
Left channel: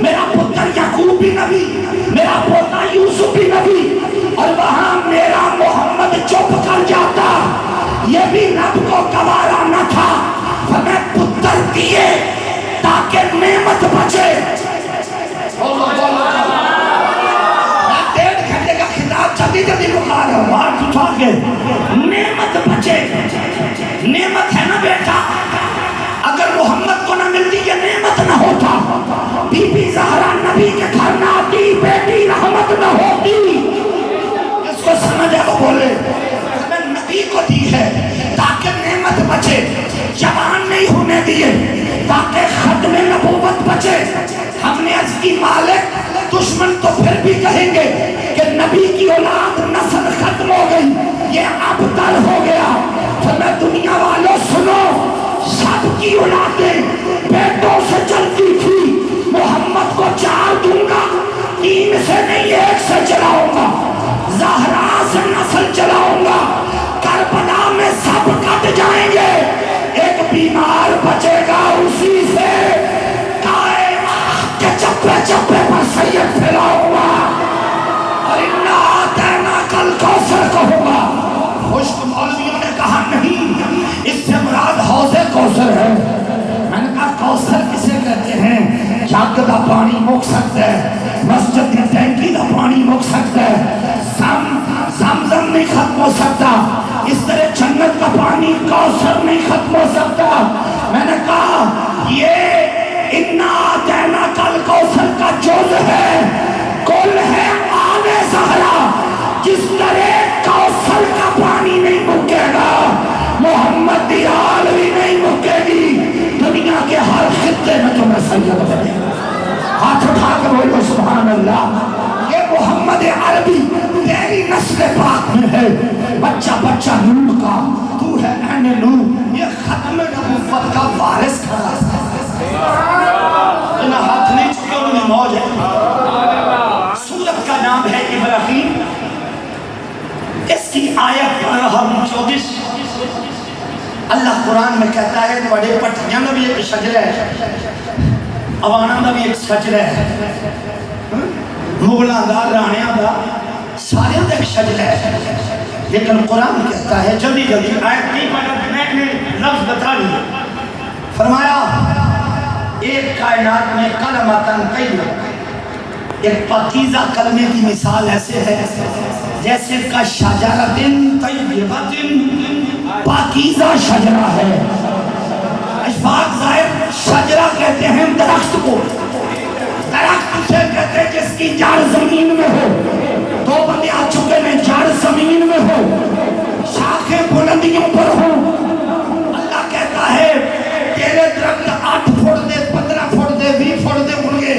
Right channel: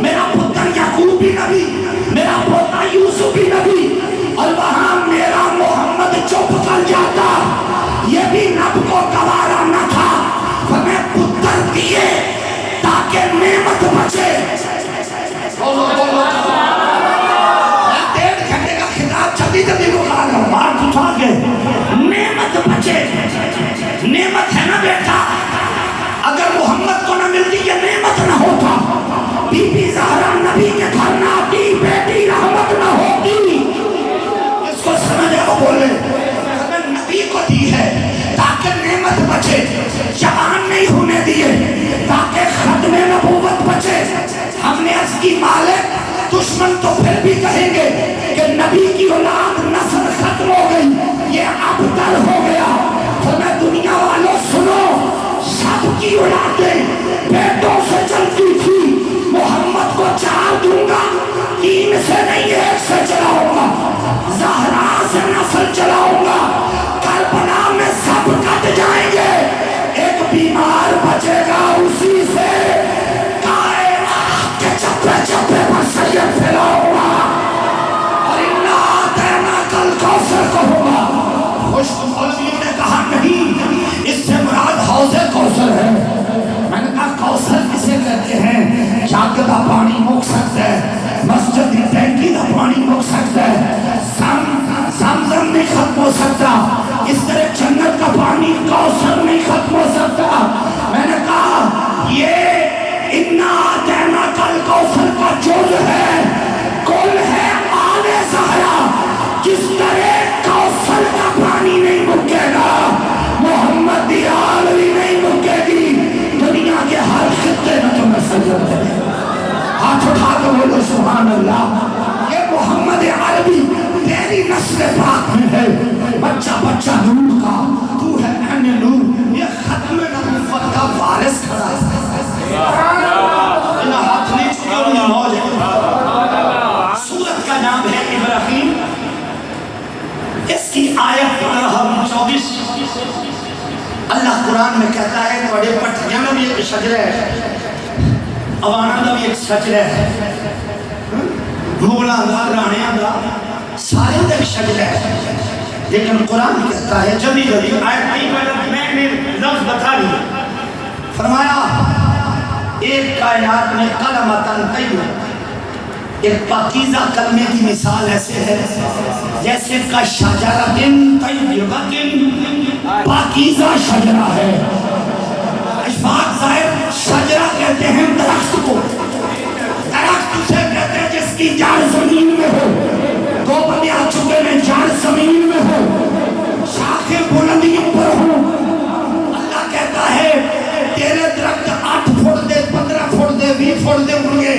میرا پتر یعقوب بھی نبی، میرا پوتا یوسف بھی نبی. اور وہاں میرا محمد چپ کر جاتا، یہ بھی رب کو گوارا نہ تھا. ہمیں پتر دیے تاکہ نعمت بچے. جلدی بخار ہے، مار اٹھا کے نعمت بچے. نعمت ہے نا بیٹا، اگر محمد کو نہ ملتی یہ نعمت نہ ہوتا. بی بی زہرا نبی کے گھر نہ آتی، بیٹی رحمت نہ ہوتی. اس کو سمجھے وہ بولے ہمیں نبی کو دی ہے تاکہ نعمت بچے، جوان نہیں ہونے دیے تاکہ ختم نبوت بچے. ہم نے عرض کی مالک دشمن تو پھر بھی کہیں گے کہ نبی کی اولاد نسل ختم ہو گئی، یہ ابتر ہو گیا. تو میں دنیا والوں سنو، سب کی اولادیں بیٹوں سے چلتی تھی. محمد کو 4 دوں گا، 3 سے نہیں 1 سے چلاؤں گا. زہرا سے نسل چلاؤں گا. کربلا میں سب کٹ جائیں گے، ایک بیمار بچے گا اسی سے. کہ چپے چپے پر سید پھیلاؤں گا اور اِنَّا أَعْطَيْنَاكَ الْكَوْثَرَ کہوں گا. خوش مولویوں نے کہا نہیں، اس سے مراد حوض کوثر ہے. میں نے کہا کوثر کسے کہتے ہیں؟ جگ دا پانی مک سکتا ہے، مسجد کی ٹینکی دا پانی مک سکتا ہے، زمزم نہیں ختم ہو سکتا. اس طرح جنت کا پانی کوثر نہیں ختم ہو سکتا. میں نے کہا یہ اِنَّا أَعْطَيْنَاكَ الْكَوْثَرَ کا جز ہے، کل ہے آل زہرا. جس طرح کوثر کا پانی نہیں مکے گا، محمد دی آل بھی نہیں مکے گی. دنیا کے ہر خطے میں تمہیں سجد کرے. ہاتھ اٹھا کے بولو سبحان اللہ. یہ محمد عربی تیری نسل پاک میں ہے، بچہ بچہ نور کا، تو ہے عین نور. یہ ختم نبوت کا وارث کھڑا ہے. ہاتھ نہیں چکے اور یہ موج ہے. سورت کا نام ہے ابراہیم. اس کی آیت 24. اللہ قرآن میں کہتا ہے بڑے پٹھیاں میں بھی ایک شجرہ ہے، عوانہ میں بھی ایک شجرہ ہے، مغلاں دا رانیاں دا سارے دا ایک شجرہ ہے. لیکن قرآن کہتا ہے جلدی جلدی آیت نہیں پڑھا، میں نے لفظ بتا دیا. فرمایا ایک کائنات میں کلمتاً طیبہ، ایک پاکیزہ کلمے کی مثال ایسے ہے جیسے کا شجرۃ طیبۃ، پاکیزہ شجرہ ہے. اشفاق ظاہر شجرہ کہتے ہیں درخت کو، درخت اسے کہتے ہیں جس کی جڑ زمین میں ہو. 2 بندے آ چکے ہیں، جڑ زمین میں ہو، شاخیں بلندیوں پر ہوں. اللہ کہتا ہے تیرے درخت 8 فٹ دے، 15 فٹ دے، 20 فٹ دے ہوں گے،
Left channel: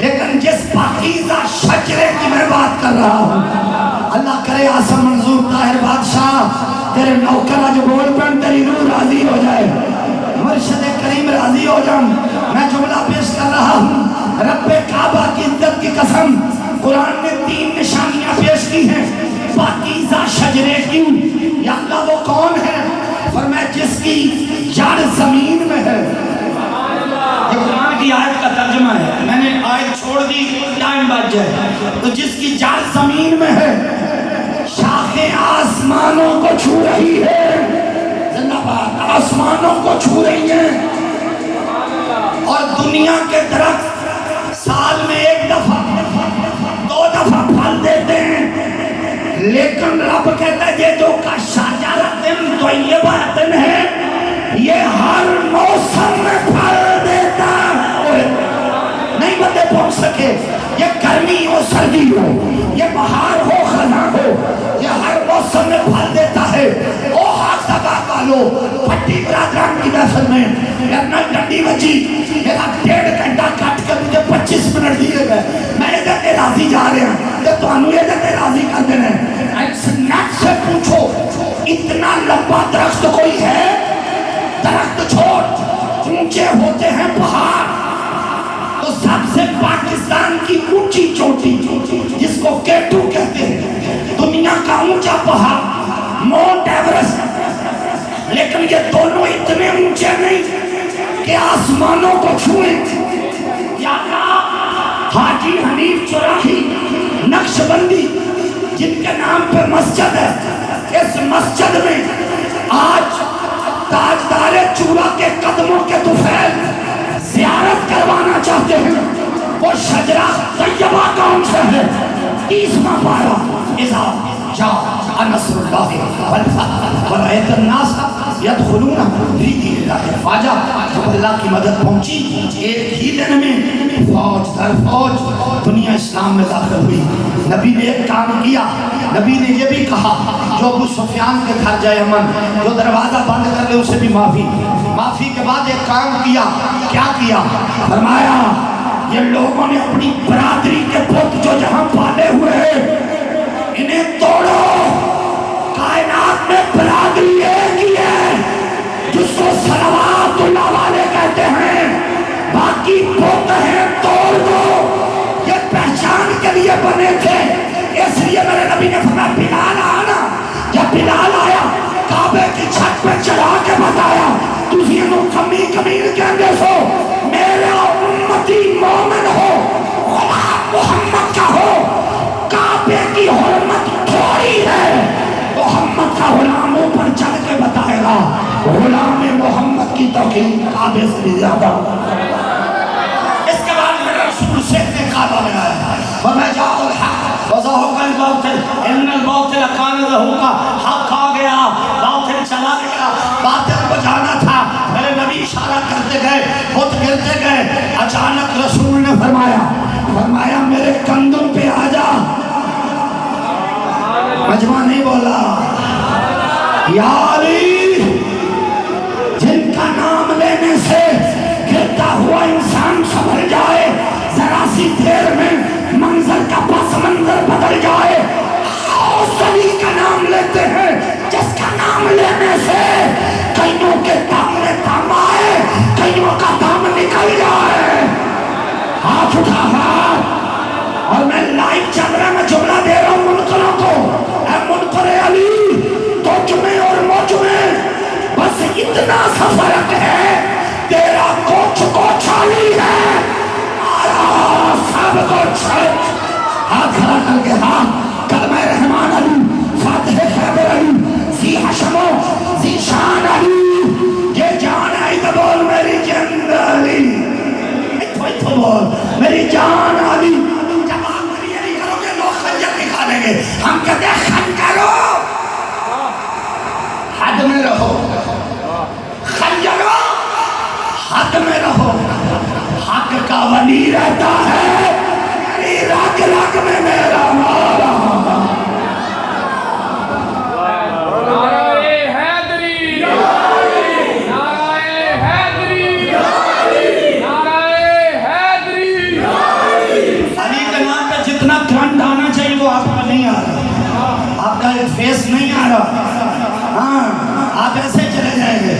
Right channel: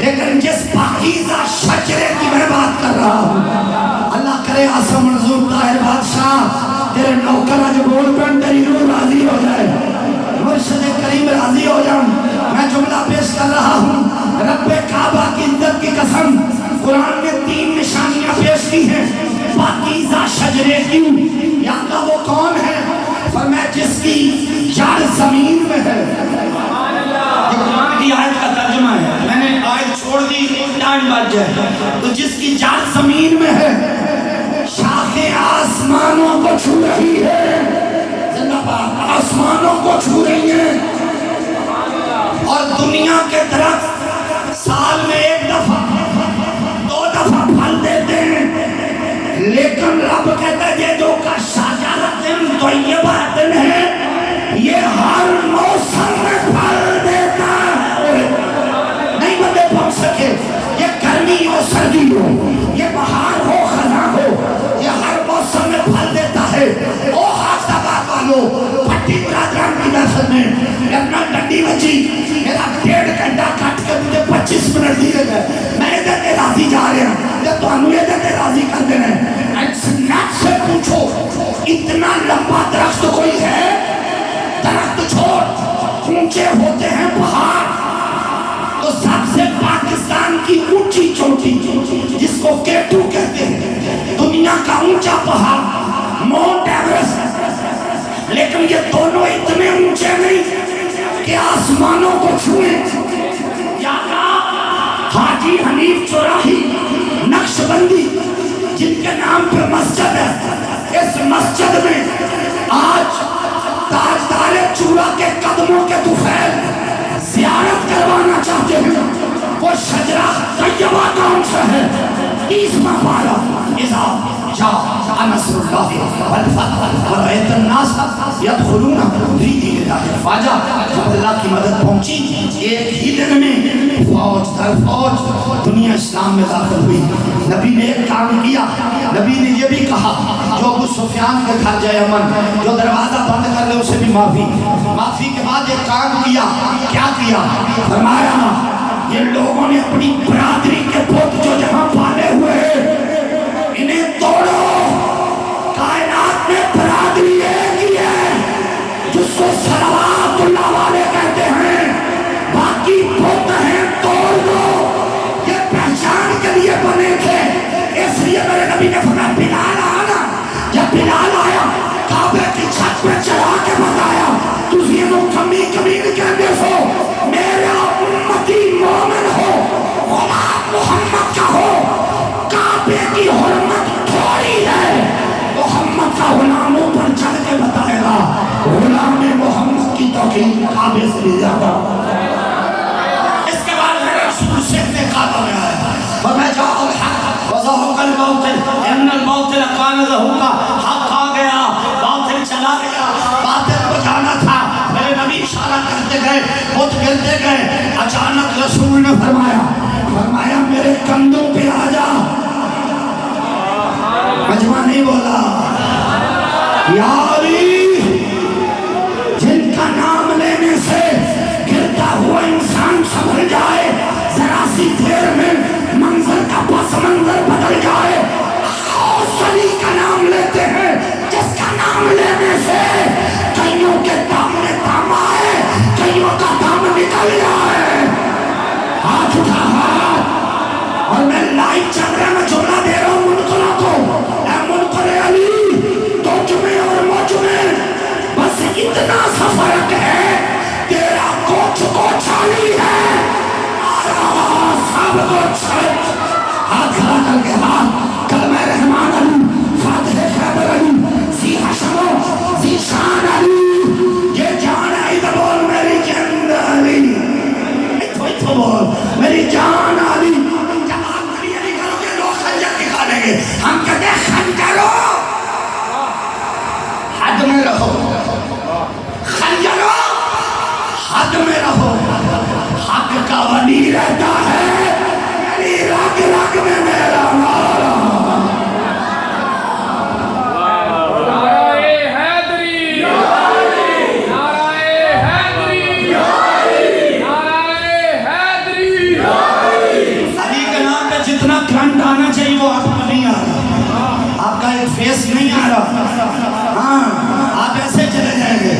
لیکن جس پاکیزہ شجرے کی میں بات کر رہا ہوں، اللہ کرے آسم منظور طاہر بادشاہ تیرے نوکر آج بول پہ تیری روح راضی ہو جائے، مرشد کریم راضی ہو جاؤں. میں جملہ پیش کر رہا ہوں، رب کعبہ کی عزت کی قسم قرآن نے 3 نشانیاں پیش کی ہیں پاکیزہ شجرے کی. یا اللہ وہ کون ہے؟ فرمایا جس کی جڑ زمین میں ہے. یہ قرآن کی آیت کا ترجمہ ہے، میں نے آیت چھوڑ دی ٹائم بچ جائے. تو جس کی جڑ زمین میں ہے، شاخیں آسمانوں کو چھو رہی ہے، زندہ باد آسمانوں کو چھو رہی ہیں. اور دنیا کے درخت سال میں 1 دفعہ 2 دفعہ پھل دیتے ہیں، لیکن رب کہتا ہے یہ جو کا شجرۃ طیبۃ ہے یہ ہر موسم میں پھل دیتا ہے. نہیں بندے پہنچ سکے، یہ گرمی ہو سردی ہو، یہ بہار ہو خزاں ہو، یہ ہر موسم میں پھل دیتا ہے. او حق آباد والو، پٹی برادران کی نسل میں لگنا ڈنڈی بچی، میرا 1.5 گھنٹہ کٹ کے مجھے 25 منٹ دیے گئے. میں ادھر راضی جا رہے ہیں کہ تو ہمیں ادھر راضی کر دینا ہے. نٹ سے پوچھو اتنا لمبا درخت کوئی ہے؟ درخت چھوڑ، اونچے ہوتے ہیں پہاڑ. تو سب سے پاکستان کی اونچی چوٹی جس کو کیٹو کہتے ہیں، دنیا کا اونچا پہاڑ ماؤنٹ ایورسٹ، لیکن یہ دونوں اتنے اونچے نہیں کہ آسمانوں کو چھوئیں. یا حاجی حنیف چوراہی نقش بندی جن کے نام پہ مسجد ہے، اس مسجد میں آج تاجدار چورا کے قدموں کے طفیل زیارت کروانا چاہتے ہیں. وہ شجرہ طیبہ کون سے ہے؟ 30واں پارہ، اذا جاء نصر اللہ والفتح ورأیت الناس یدخلون فی دین اللہ افواجا. جب اللہ کی مدد پہنچی، ایک ہی دن میں فوج در فوج دنیا اسلام میں داخل ہوئی. نبی نے ایک کام کیا، نبی نے یہ بھی کہا جو ابو سفیان کے گھر جائے امن، جو دروازہ بند کر لے اسے بھی معافی کے بعد ایک کام کیا. کیا کیا؟ فرمایا یہ لوگوں نے اپنی برادری کے بت جو جہاں پالے ہوئے ہیں انہیں توڑو. کائنات میں برادری ایک ہی ہے جس کو صلوات اللہ والے کہتے ہیں، باقی بت ہیں توڑ دو. یہ پہچان کے لیے بنے تھے، اس لیے میرے نبی نے فرمایا بلال آنا. جب بلال آیا کعبے کی چھت پہ چلا کے بتایا تسی انہوں کمی کہندے سو، میرا امتی مومن ہو، غلام محمد کا ہو، کعبے کی حرمت تھوڑی ہے. محمد کا غلاموں پر چڑھ کے بتائے گا غلام محمد کی توقیر کعبے سے زیادہ. اس کے بعد میرے رسول سے کعبہ میں آیا، وَمَا جَاءَ الْحَقُّ وَزَهَقَ الْبَاطِلُ إِنَّ الْبَاطِلَ كَانَ زَهُوقًا. حق آ گیا، باطل چلا گیا. باطل کو جانا تھا. میرے نبی اشارہ کرتے گئے، بت گرتے گئے. اچانک رسول نے فرمایا میرے کندھوں پہ آ جا. مجمع نہیں بولا. یا علی، جن کا نام لینے سے گرتا ہوا انسان سنبھل جائے، ذرا سی دیر میں منظر کا پس منظر بدل جائے. اس علی کا نام لیتے ہیں جس کا نام لینے سے کئیوں کے دامنے دام آئے، کئیوں کا دام نکل جائے. ہاتھ اٹھا اور میں لائیو چل رہا، میں جملہ دے رہا ہوں منکروں کو. اے منکر علی، تو جمعے اور موجمے بس اتنا سا فرق ہے، تیرا کوچ کو چھالی ہے، آیا سب کو چھالی. ہاتھ کھڑا کر کے کلمہ رحمان علی، فاتح خیبر علی، ذی حشم و ذی شان علی. یہ جان آئی تو بول میری جند علی، کوئی تو بول میری جان علی. جب آپ علی علی کرو گے لوگ خنجر نکالیں گے. ہم کہتے ہیں خنجرو حد میں رہو، خنجرو حد میں رہو. حق کا ولی رہتا ہے، یعنی رگ رگ میں میرا نارا. جتنا کرنٹ آنا چاہیے وہ آپ کا نہیں آ رہا، آپ کا ایک فیس نہیں آ رہا. ہاں آپ ایسے چلے جائیں گے.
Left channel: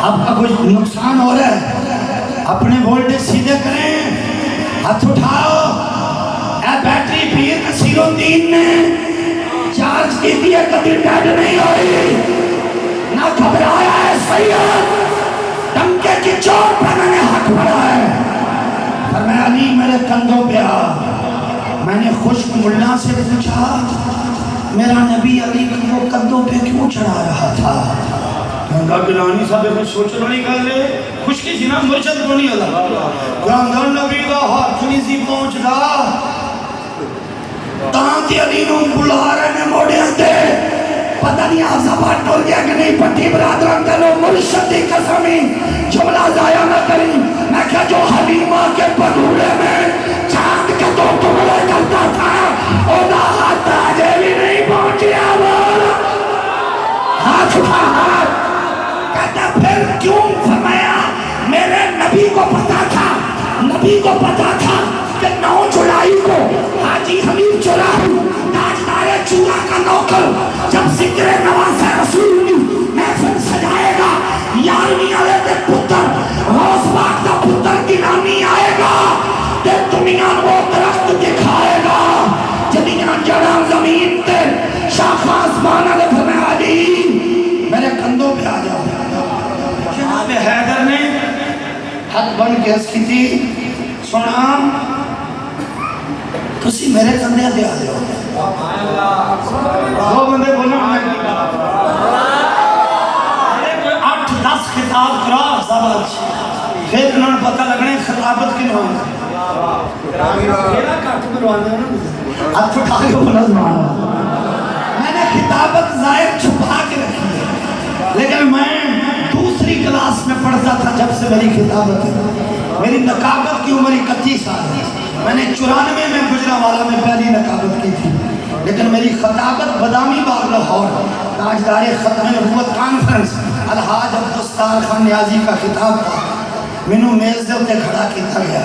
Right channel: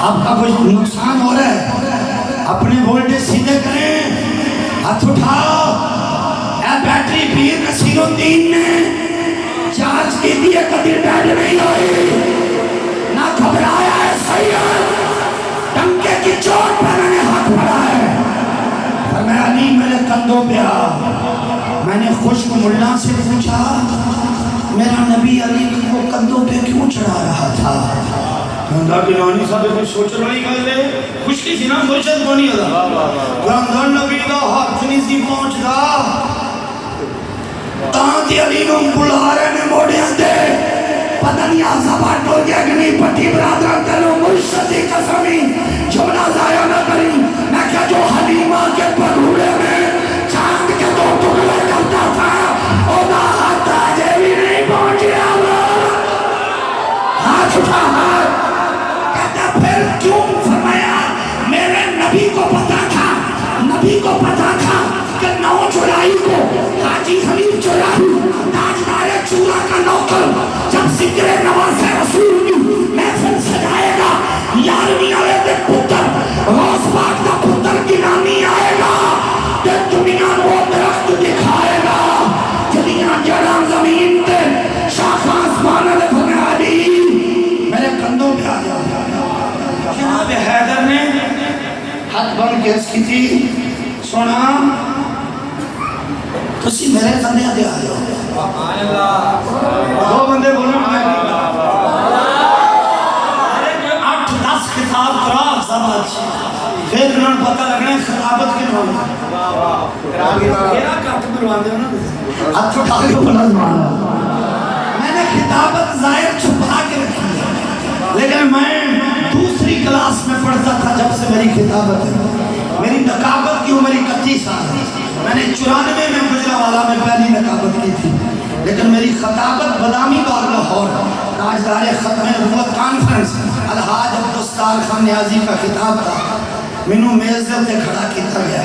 آپ کا کچھ نقصان ہو رہا ہے، اپنے وولٹیج سیدھے کریں. ہاتھ اٹھاؤ. اے بیٹری پی الدین نے جانچ کی بھی کبھی ڈیڈ نہیں ہوئی نہ گھبرایا ہے سید ڈنکے کی چوٹ پہ میں نے ہاتھ بڑھا ہے فرمایا علی میرے کندھوں پہ آ میں نے خشک ملا سے پوچھا میرا نبی علی کو کندھوں پہ کیوں چڑھا رہا تھا اللہ گلانی صاحب میں سوچ رہی گل ہے خوشی سی نا مرشد بنی ہوتا گراندار نبی دا ہاتھ نہیں سی پہنچدا تاں تے علی نوں بلا رہے نے موڑیاں تے پتہ نہیں آزابہ ٹول گیا کہ نہیں پٹی برادران دلو مرشد دی قسمی جملہ ضائع نہ کری میں کہا جو حلیمہ کے پڑھوڑے میں چاند کے دو ٹکڑے کرتا تھا اوہ ہاتھ آجے بھی نہیں پہنچیا وہ ہاتھ اٹھا ہاتھ کہتا پھر کیوں فرمایا میرے نبی کو پتا تھا کہ نو چڑائی کو حاجی حمید چڑائی تاجدار چورا کا نوکر جب ذکر نواز رسول محفل سجائے گا یارویں والے کے پتر روز باغ کا پتر گنانی آئے گا کہ دنیا وہ درخت دکھائے گا جنیاں جڑاں زمین تے شاخ آسمان علیہ فرمایا علی میرے کندھوں پہ آ جاؤ جناب حیدر نے ہاتھ بن کے اس کی تھی سونا تسی میرے کندھے دے آ جاؤ دو بندے بولو میں 8-10 خطاب کرا سابت پھر انہوں پتہ لگنا خطابت کی نوان میرا کٹ مروان دے نا ہاتھ اٹھا کے بولا میں نے خطابت ظاہر چھپا کے رکھی ہے لیکن میں دوسری کلاس میں پڑھتا تھا جب سے میری خطابت ہے میری نقابت کی عمر 31 سال ہے میں نے 94 میں گجرانوالہ میں پہلی نقابت کی تھی لیکن میری خطابت بادامی باغ لاہور تاجدار ختم نبوت کانفرنس الحاج عبدالستار خان نیازی کا خطاب تھا مینوں میز دے تے کھڑا کیتا گیا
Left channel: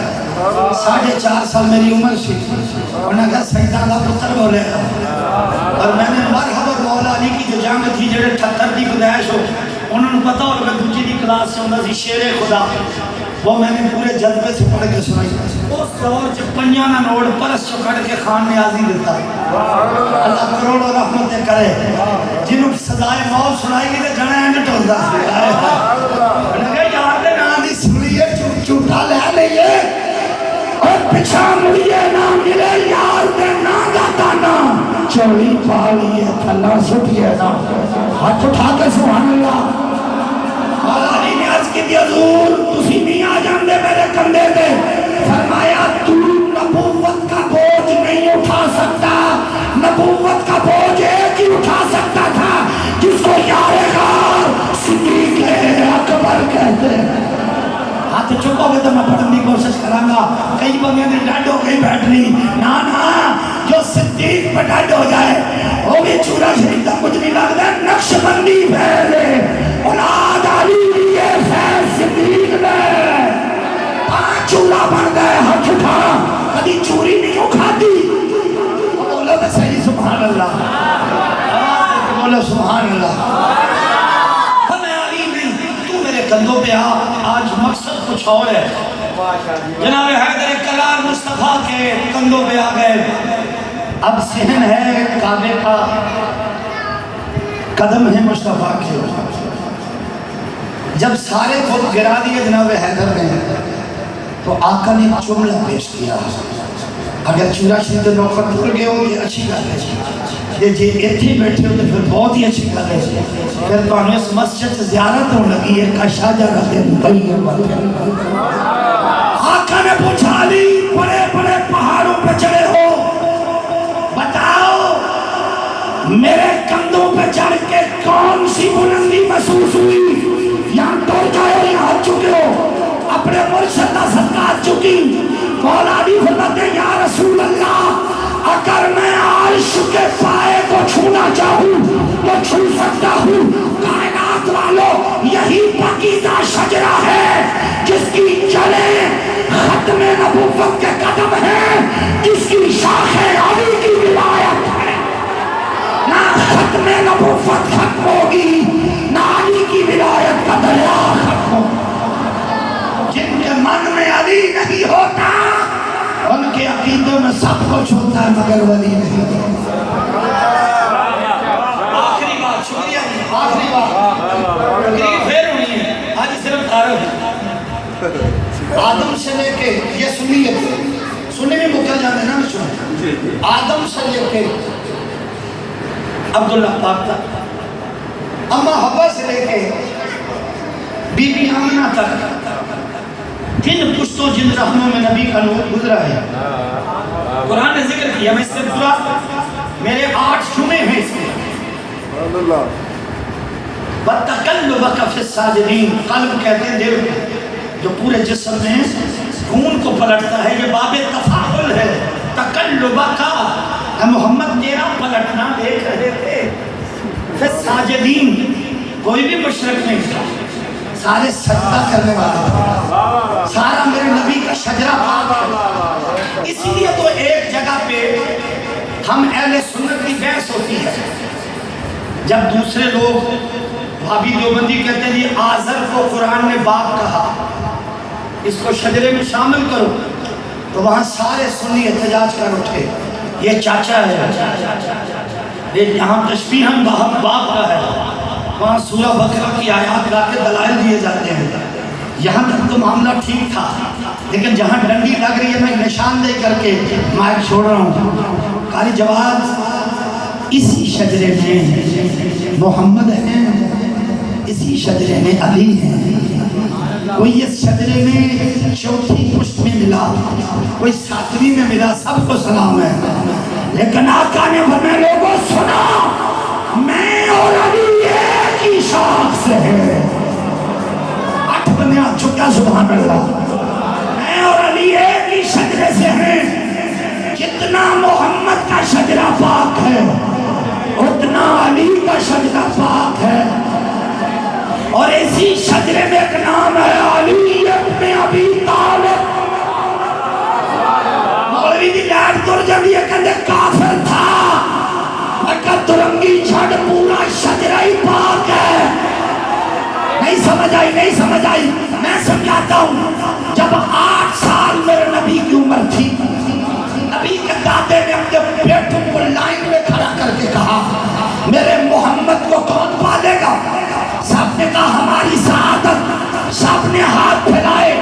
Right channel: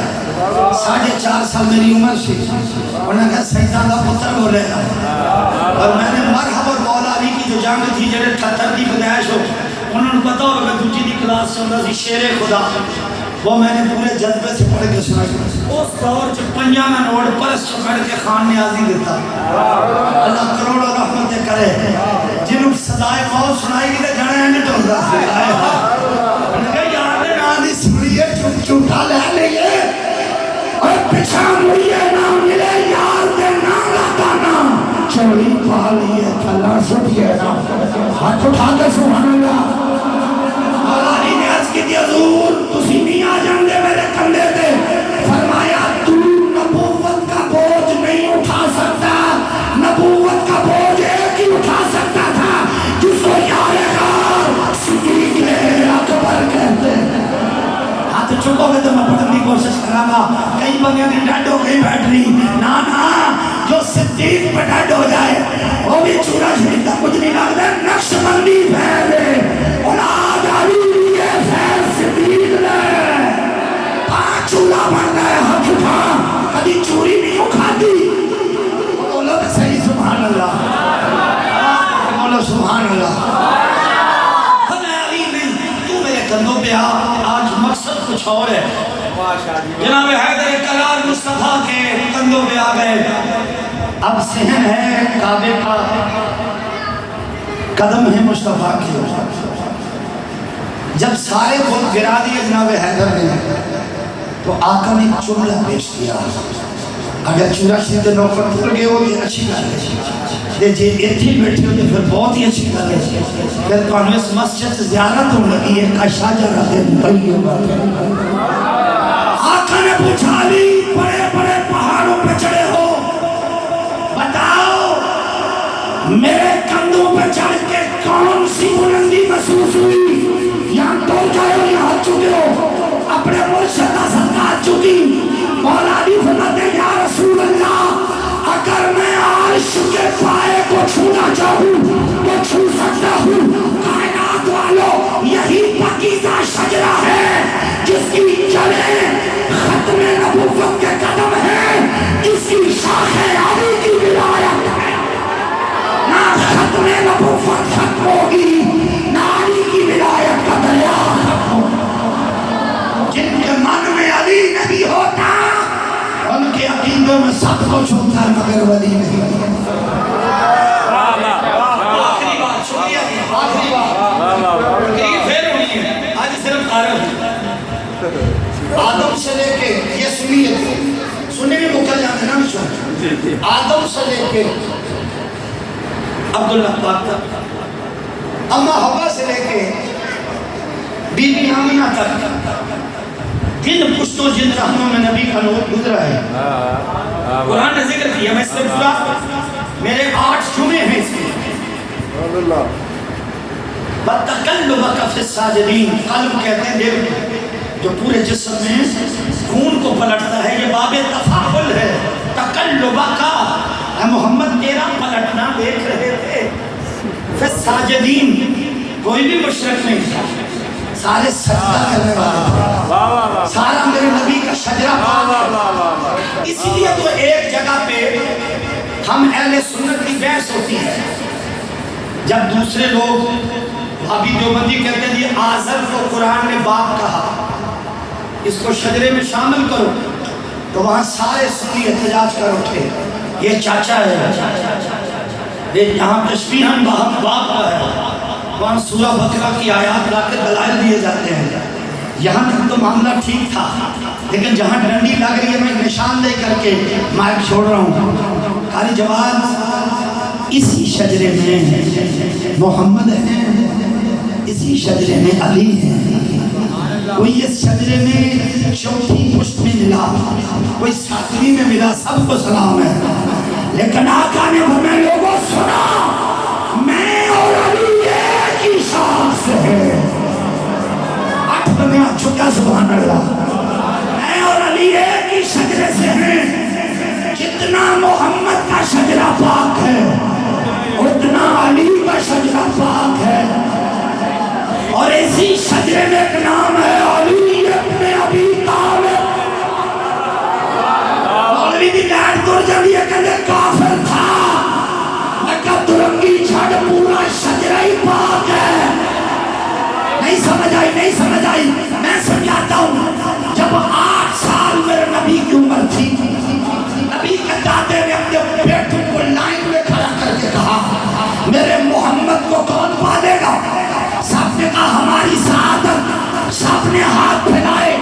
4.5 سال میری عمر سی انہاں کہا سیدان کا پتر بولے اور میں نے مرحبا مولا علی کی جو جنگ تھی جڑے 78 کی پیدائش ہو انہوں نے پتا ہوگا دوسری دی کلاس سے ہوتا سی شیر خدا وہ میں نے پورے جذبے سے پڑھ کے سنائی اس دور چ پنجاں نہ نوٹ پرس چکڑ کے خان نیازی دیتا اللہ کروڑوں رحمتیں کرے جنہوں سزائے موت سنائی گی تے جانا ہے ٹولدا سی انہاں کہا یار دے نام دی سنیے چوٹا لے لئے اور پیچھے مڑیے نہ ملے یار دے نام دا دانا چوڑی پا لیے تھلا سٹیے نا ہاتھ اٹھا کے سبحان اللہ مولا علی نے عرض کی حضور تسی نہیں آ جان دے میرے کندھے تے فرمایا تو نبوت کا بوجھ نہیں اٹھا سکتا نبوت کا بوجھ ایک ہی اٹھا سکتا تھا جس کو یار غار صدیق اکبر کہتے ہاتھ چکو گے تو میں پڑھنے کی کوشش کروں گا کئی بندے نے ڈیڈ ہو گئی بیٹری نا جو صدیق پہ ڈیڈ ہو جائے وہ بھی چورا شریف کا کچھ نہیں لگتا نقش بندی پھیلے اولاد علی لیے خیر صدیق نے چورا بن گئے ہاتھ اٹھا کبھی چوری نہیں کھاتی بولو تو صحیح سبحان اللہ بولو سبحان اللہ ہمیں علی میں تو میرے کندھوں پہ آج مقصد کچھ اور ہے جناب حیدر کرار مصطفیٰ کے کندھوں پہ آ گئے اب صحن ہے کعبے کا قدم ہے مصطفیٰ کے جب سارے خود گرا دیے جناب حیدر نے تو آقا نے ایک جملہ پیش کیا اگر چورا شریف نوکر بھول گئے ہو یہ اچھی گل ہے جی ایتھے بیٹھے ہو تو پھر بہت ہی اچھی گل ہے پھر تو اس مسجد زیارت ہو لگی ہے کشا جانا دے طیب آقا نے پوچھا علی بڑے بڑے پہاڑوں پہ چڑھے ہو بتاؤ میرے کندھوں پہ چڑھ کے کون سی بلندی محسوس ہوئی یہاں ٹول جائے یہاں چکے ہو اپنے مرشد کا صدقات چکی مولا علی فرماتے ہیں یا رسول اللہ اگر میں عرش کے پائے کو چھونا چاہوں تو چھو سکتا ہوں کائنات والوں یہی پاکیزہ شجرہ ہے جس کی جڑیں ختم نبوت کے قدم ہیں جس کی شاخیں علی کی ولایت ہے نہ ختم نبوت کچھ ہوتا ہے مگر ولی نہیں. آخری بات, شکریہ جی, آخری بات تقریر پھر ہونی ہے, آج صرف عارف ہے. آدم سے لے کے, یہ سنیے, سننے میں مکہ جانے نا مشہور, آدم سے لے کے عبداللہ پاک تک, اما حوا سے لے کے بی بی آمنہ تک, جن پشتوں جن رحموں میں نبی کا نور گزرا ہے. قرآن نے ذکر کیا, میں اس سے پورا, میرے 8 جمعے ہیں اس کے. وَتَقَلُّبَكَ فِي السَّاجِدِينَ, قلب کہتے ہیں دل جو پورے جسم میں خون کو پلٹتا ہے, یہ باب تفاعل ہے. تقلبک, اے محمد تیرا پلٹنا دیکھ رہے تھے. فِي السَّاجِدِينَ, کوئی بھی مشرک نہیں تھا, سارے سجدہ کرنے والے تھے, سارا میرے نبی کا شجرہ. اسی لیے تو ایک جگہ پہ ہم اہل سنت کی بحث ہوتی ہے, جب دوسرے لوگ بھابی دیوبندی کہتے ہیں یہ آزر کو قرآن نے باپ کہا, اس کو شجرے میں شامل کرو, تو وہاں سارے سنی احتجاج کر اٹھے, یہ چاچا ہے, یہ یہاں تشبیہاً باپ کا ہے. وہاں سورہ بقرہ کی آیات لا کے دلائل دیے جاتے ہیں. یہاں تک تو معاملہ ٹھیک تھا, لیکن جہاں ڈنڈی لگ رہی ہے میں نشان دے کر کے مائک چھوڑ رہا ہوں. قاری جواد, اسی شجرے میں محمد ہیں, اسی شجرے میں علی ہیں, کوئی اس شجرے میں چوتھی پشت میں ملا, کوئی 7ویں میں ملا, سب کو سلام ہے. لیکن آقا نے ہمیں لوگوں سنا, میں اور علی ایک ہی شاخ سے ہے. 8 بندے ہاتھ چھکا, سبحان اللہ. میں اور علی ایک ہی شجرے سے ہیں. جتنا محمد کا شجرہ پاک ہے اتنا علی کا شجرہ پاک ہے. اور اسی شجرے میں ایک نام ہے علی ابن ابی طالب. مولوی دی گائر دور جب یہ کہتے کافر تھا, مگر درنگی چھڑ پورا شجرہ ہی پاک ہے. نہیں سمجھ آئی, نہیں سمجھ آئی, میں سمجھاتا ہوں. جب 8 سال میرے نبی کی عمر تھی, نبی کے دادے نے اپنے بیٹوں کو لائن میں کھڑا کر کے کہا میرے محمد کو کون پالے گا؟ سب نے کہا ہماری سعادت. سب نے ہاتھ پھیلائے,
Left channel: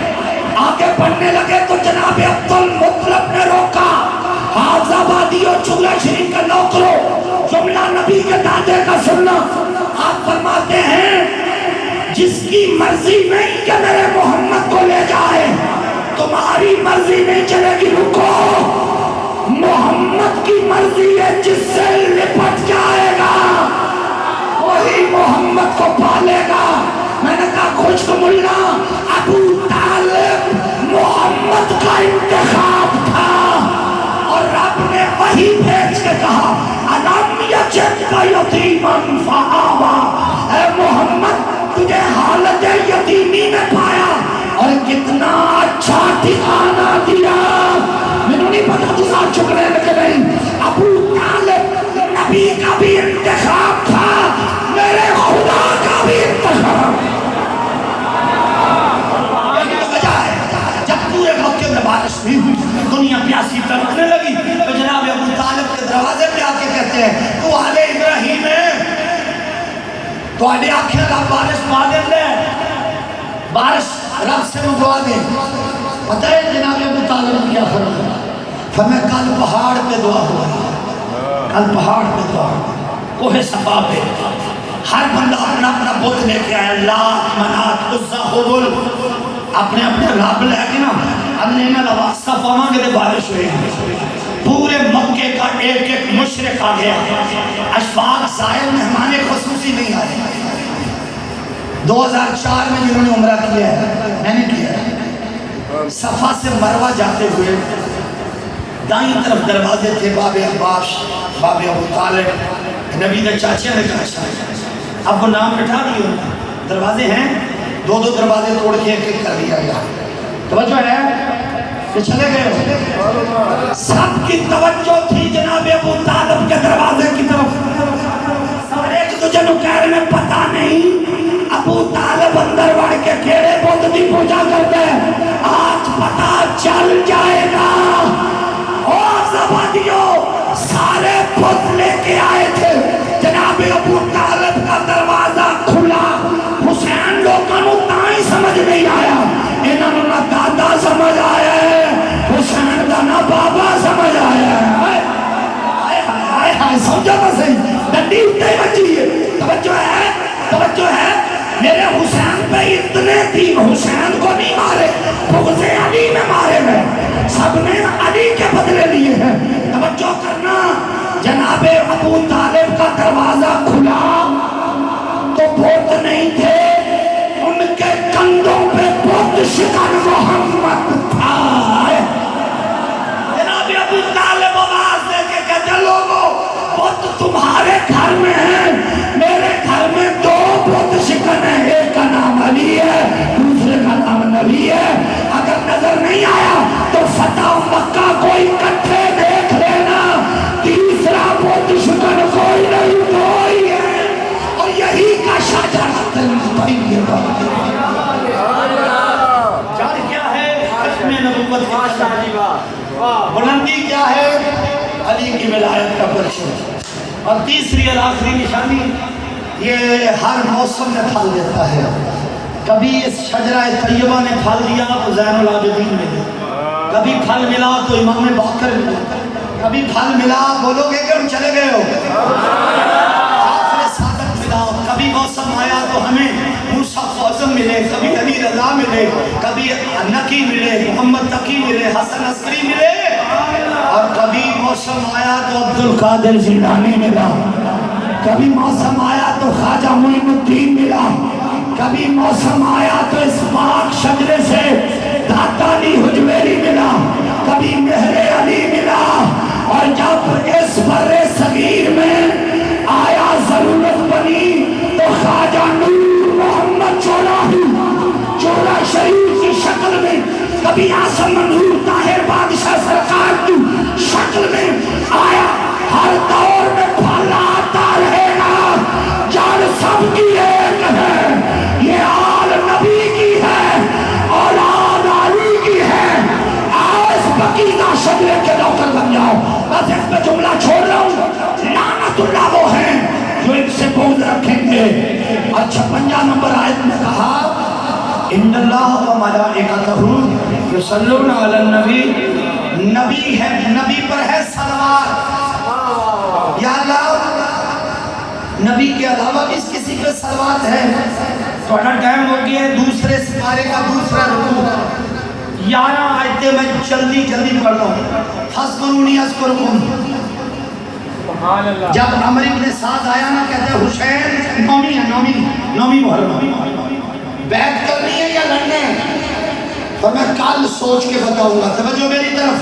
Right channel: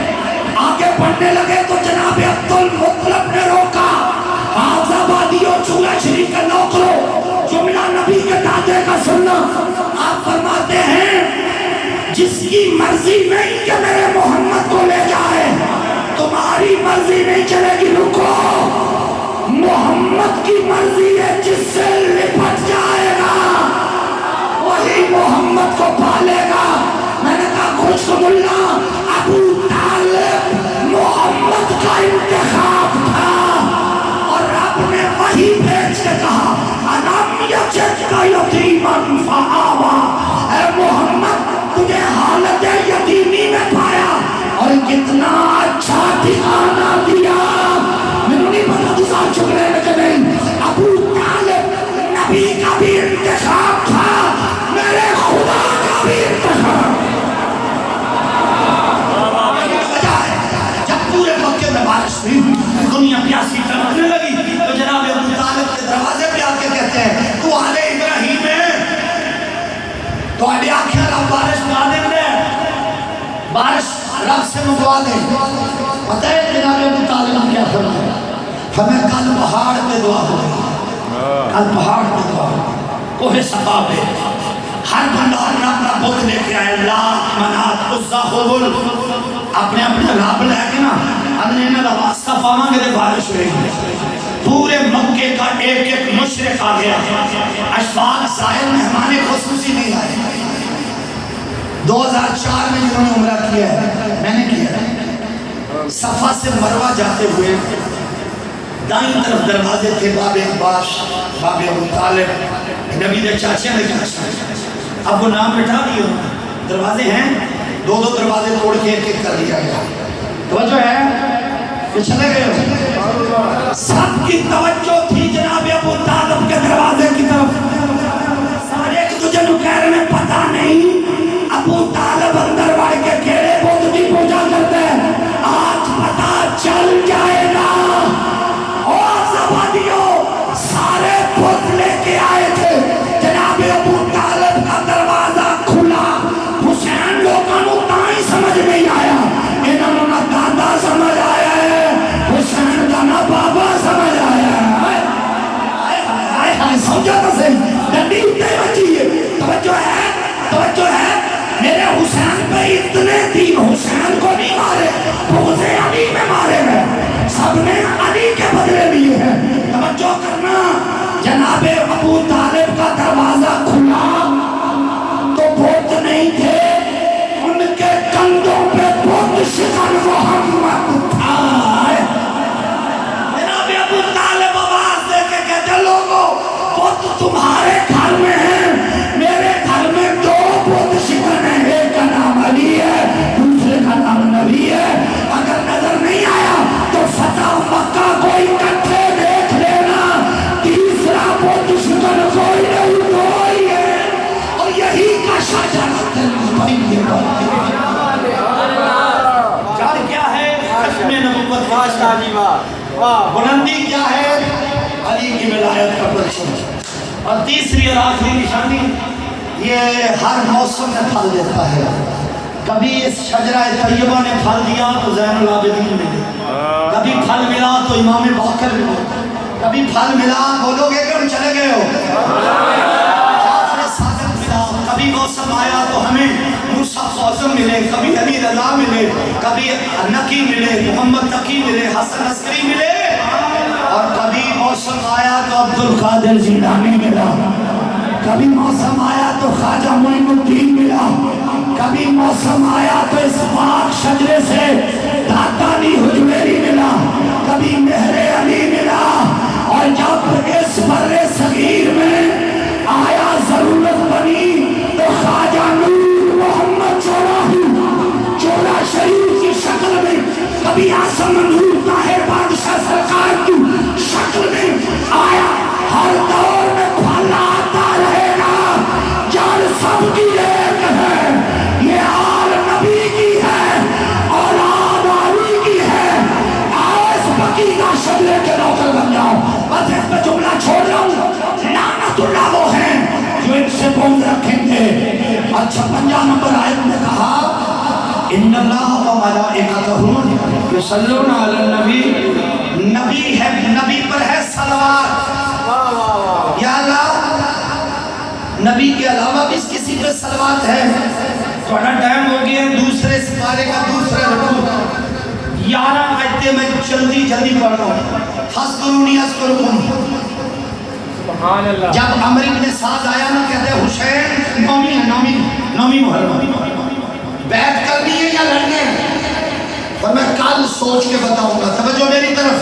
آگے بڑھنے لگے تو جناب عبدالمطلب نے روکا. آزادی اور چولہ شریف کا نوکرو, جملہ نبی کے دادے کا سننا. آپ فرماتے ہیں جس کی مرضی نہیں کہ میرے محمد کو لے جائے, تمہاری مرضی نہیں چلے گی, رکو. محمد کی مرضی ہے, جس سے لپٹ جائے گا وہی محمد کو پالے گا. میں نے کہا خوشخبر اللہ, ابو طالب محمد کا انتخاب تھا, اور رب نے وہی بھیج کے کہا الم یجدک یتیما فآویٰ, اے محمد تجھے حالت یتیمی میں پایا اور کتنا اچھا ٹھکانہ دیا. میں نے نہیں پتا تو ساتھ چکنے لگے نہیں. ابو طالب نبی کا بھی انتخاب تھا, میرے خدا کا بھی انتخاب. یہی تو وجہ ہے جب پورے موقع میں بارش ہوئی, دنیا پیاسی تڑپنے لگی, تو جناب ابو طالب کے دروازے پہ آ کے کہتے ہیں تو آل ابراہیم ہے, تو آلے آنکھیں رب بارش پا دیں گے, بارش رب سے منگوا دیں. پتہ ہے جناب ابو طالب کیا فرمایا؟ ہمیں کل پہاڑ پہ دعا ہوگی, کل پہاڑ پہ دعا ہوگی, کوہ صفا پہ. ہر بندہ اپنا اپنا بت لے کے آیا, لات منات عزا حبل, اپنے اپنے رب لے کے نا ادنے نہ واسطہ پاواں گے بارش ہوئے گی. پورے مکے کا ایک ایک مشرق آ گیا, اشفاق زائر مہمان خصوصی نہیں آئے. 2004 میں جنہوں نے عمرہ کیا ہے, میں نے کیا ہے, صفا سے مروہ جاتے ہوئے دائیں طرف دروازے تھے, باب عباس, باب ابو طالب, نبی نے چاچے نے کہا اب وہ نام مٹھا دیئے, دروازے ہیں, 2 دروازے توڑ کے ایک کر دیا گیا. توجہ ہے کہ چلے گئے, سب کی توجہ تھی جناب ابو طالب کے دروازے کی طرف. سارے ایک تجھے نکیر میں پتا نہیں ابو طالب اندر بڑھ کے کیڑے بودھ کی پوجا کرتے ہیں, آج پتا چل جائے گا. اور زبان اتنے تین حسین کو نہیں مارے، بغض علی میں مارے گئے، سب نے علی کے بدلے لیے ہیں۔ توجہ کرنا، جناب ابو طالب کا دروازہ کھلا تو بت نہیں تھے، ان کے کندھوں پہ بت شکن محمد تھا۔ جناب ابو طالب آواز دے کے کہتے لوگوں بت تمہارے گھر میں ہے، میرے گھر میں دو بت شکن ہیں، ایک کا نام علی ہے، دوسرے کا نام نبی ہے۔ اگر نظر نہیں آیا تو فتح مکہ کو اکٹھے دیکھ لینا، تیسرا بت شکن کوئی نہیں، کوئی ہے، اور یہی کا شجرۃ البیضاء۔ جڑ کیا ہے؟ ختم نبوت بلندی کیا ہے؟ علی کی ولایت کا پرچم۔ اور تیسری اور آخری نشانی یہ ہر موسم میں پھل دیتا ہے۔ کبھی اس شجرہ طیبہ نے پھل دیا تو زین العابدین میں، کبھی پھل ملا تو امام باقر میں، کبھی پھل ملا بولو گے کہ ہم چلے گئے ہو، جعفر صادق ملا، کبھی موسم آیا تو ہمیں موسیٰ خوزم ملے، کبھی علی رضا ملے، کبھی نقی ملے، محمد تقی ملے، حسن عسکری ملے، اور کبھی موسم آیا تو عبد القادر جیلانی ملا، کبھی موسم آیا تو خواجہ معین الدین ملا، کبھی موسم آیا تو اس پاک شجرے سے داتا علی حجویری ملا، کبھی مہر علی ملا، اور جب اس بر صغیر میں آیا ضرورت بنی تو خواجہ نور محمد چولا شریف کی شکل میں، کبھی آسم نور طاہر بادشاہ سرکار کی شکل میں آیا۔ ہر دور میں پھل آتا رہے گا، جان سب کی ایک ہے، یہ آل نبی کی ہے، اولاد علی کی ہے۔ آؤ اس بقیہ شجرے کے نوکر بن جاؤ۔ بس اس پہ جملہ چھوڑ رہا ہوں، لعنت اللہ وہ ہیں جو ان سے بغض رکھیں گے۔ اچھا 50 نمبر آیت میں کہا ان اللہ و ملائکتہ یصلون علی النبی، نبی ہے، نبی پر ہے صلوات۔ یا اللہ، نبی کے علاوہ بھی کسی پہ صلوات ہے؟ تھوڑا ٹائم ہو گیا ہے، دوسرے سپارے کا دوسرا رکوع 11 آیتیں میں جلدی پڑھ رہا ہوں۔ فاذکرونی اذکرکم، جب عمر ابن سعد آیا نا، کہتے ہیں حسین نومی ہے، نومی محرم، بیعت کرنی ہے یا لڑنے ہیں؟ اور میں کل سوچ کے بتاؤں گا، توجہ میری طرف۔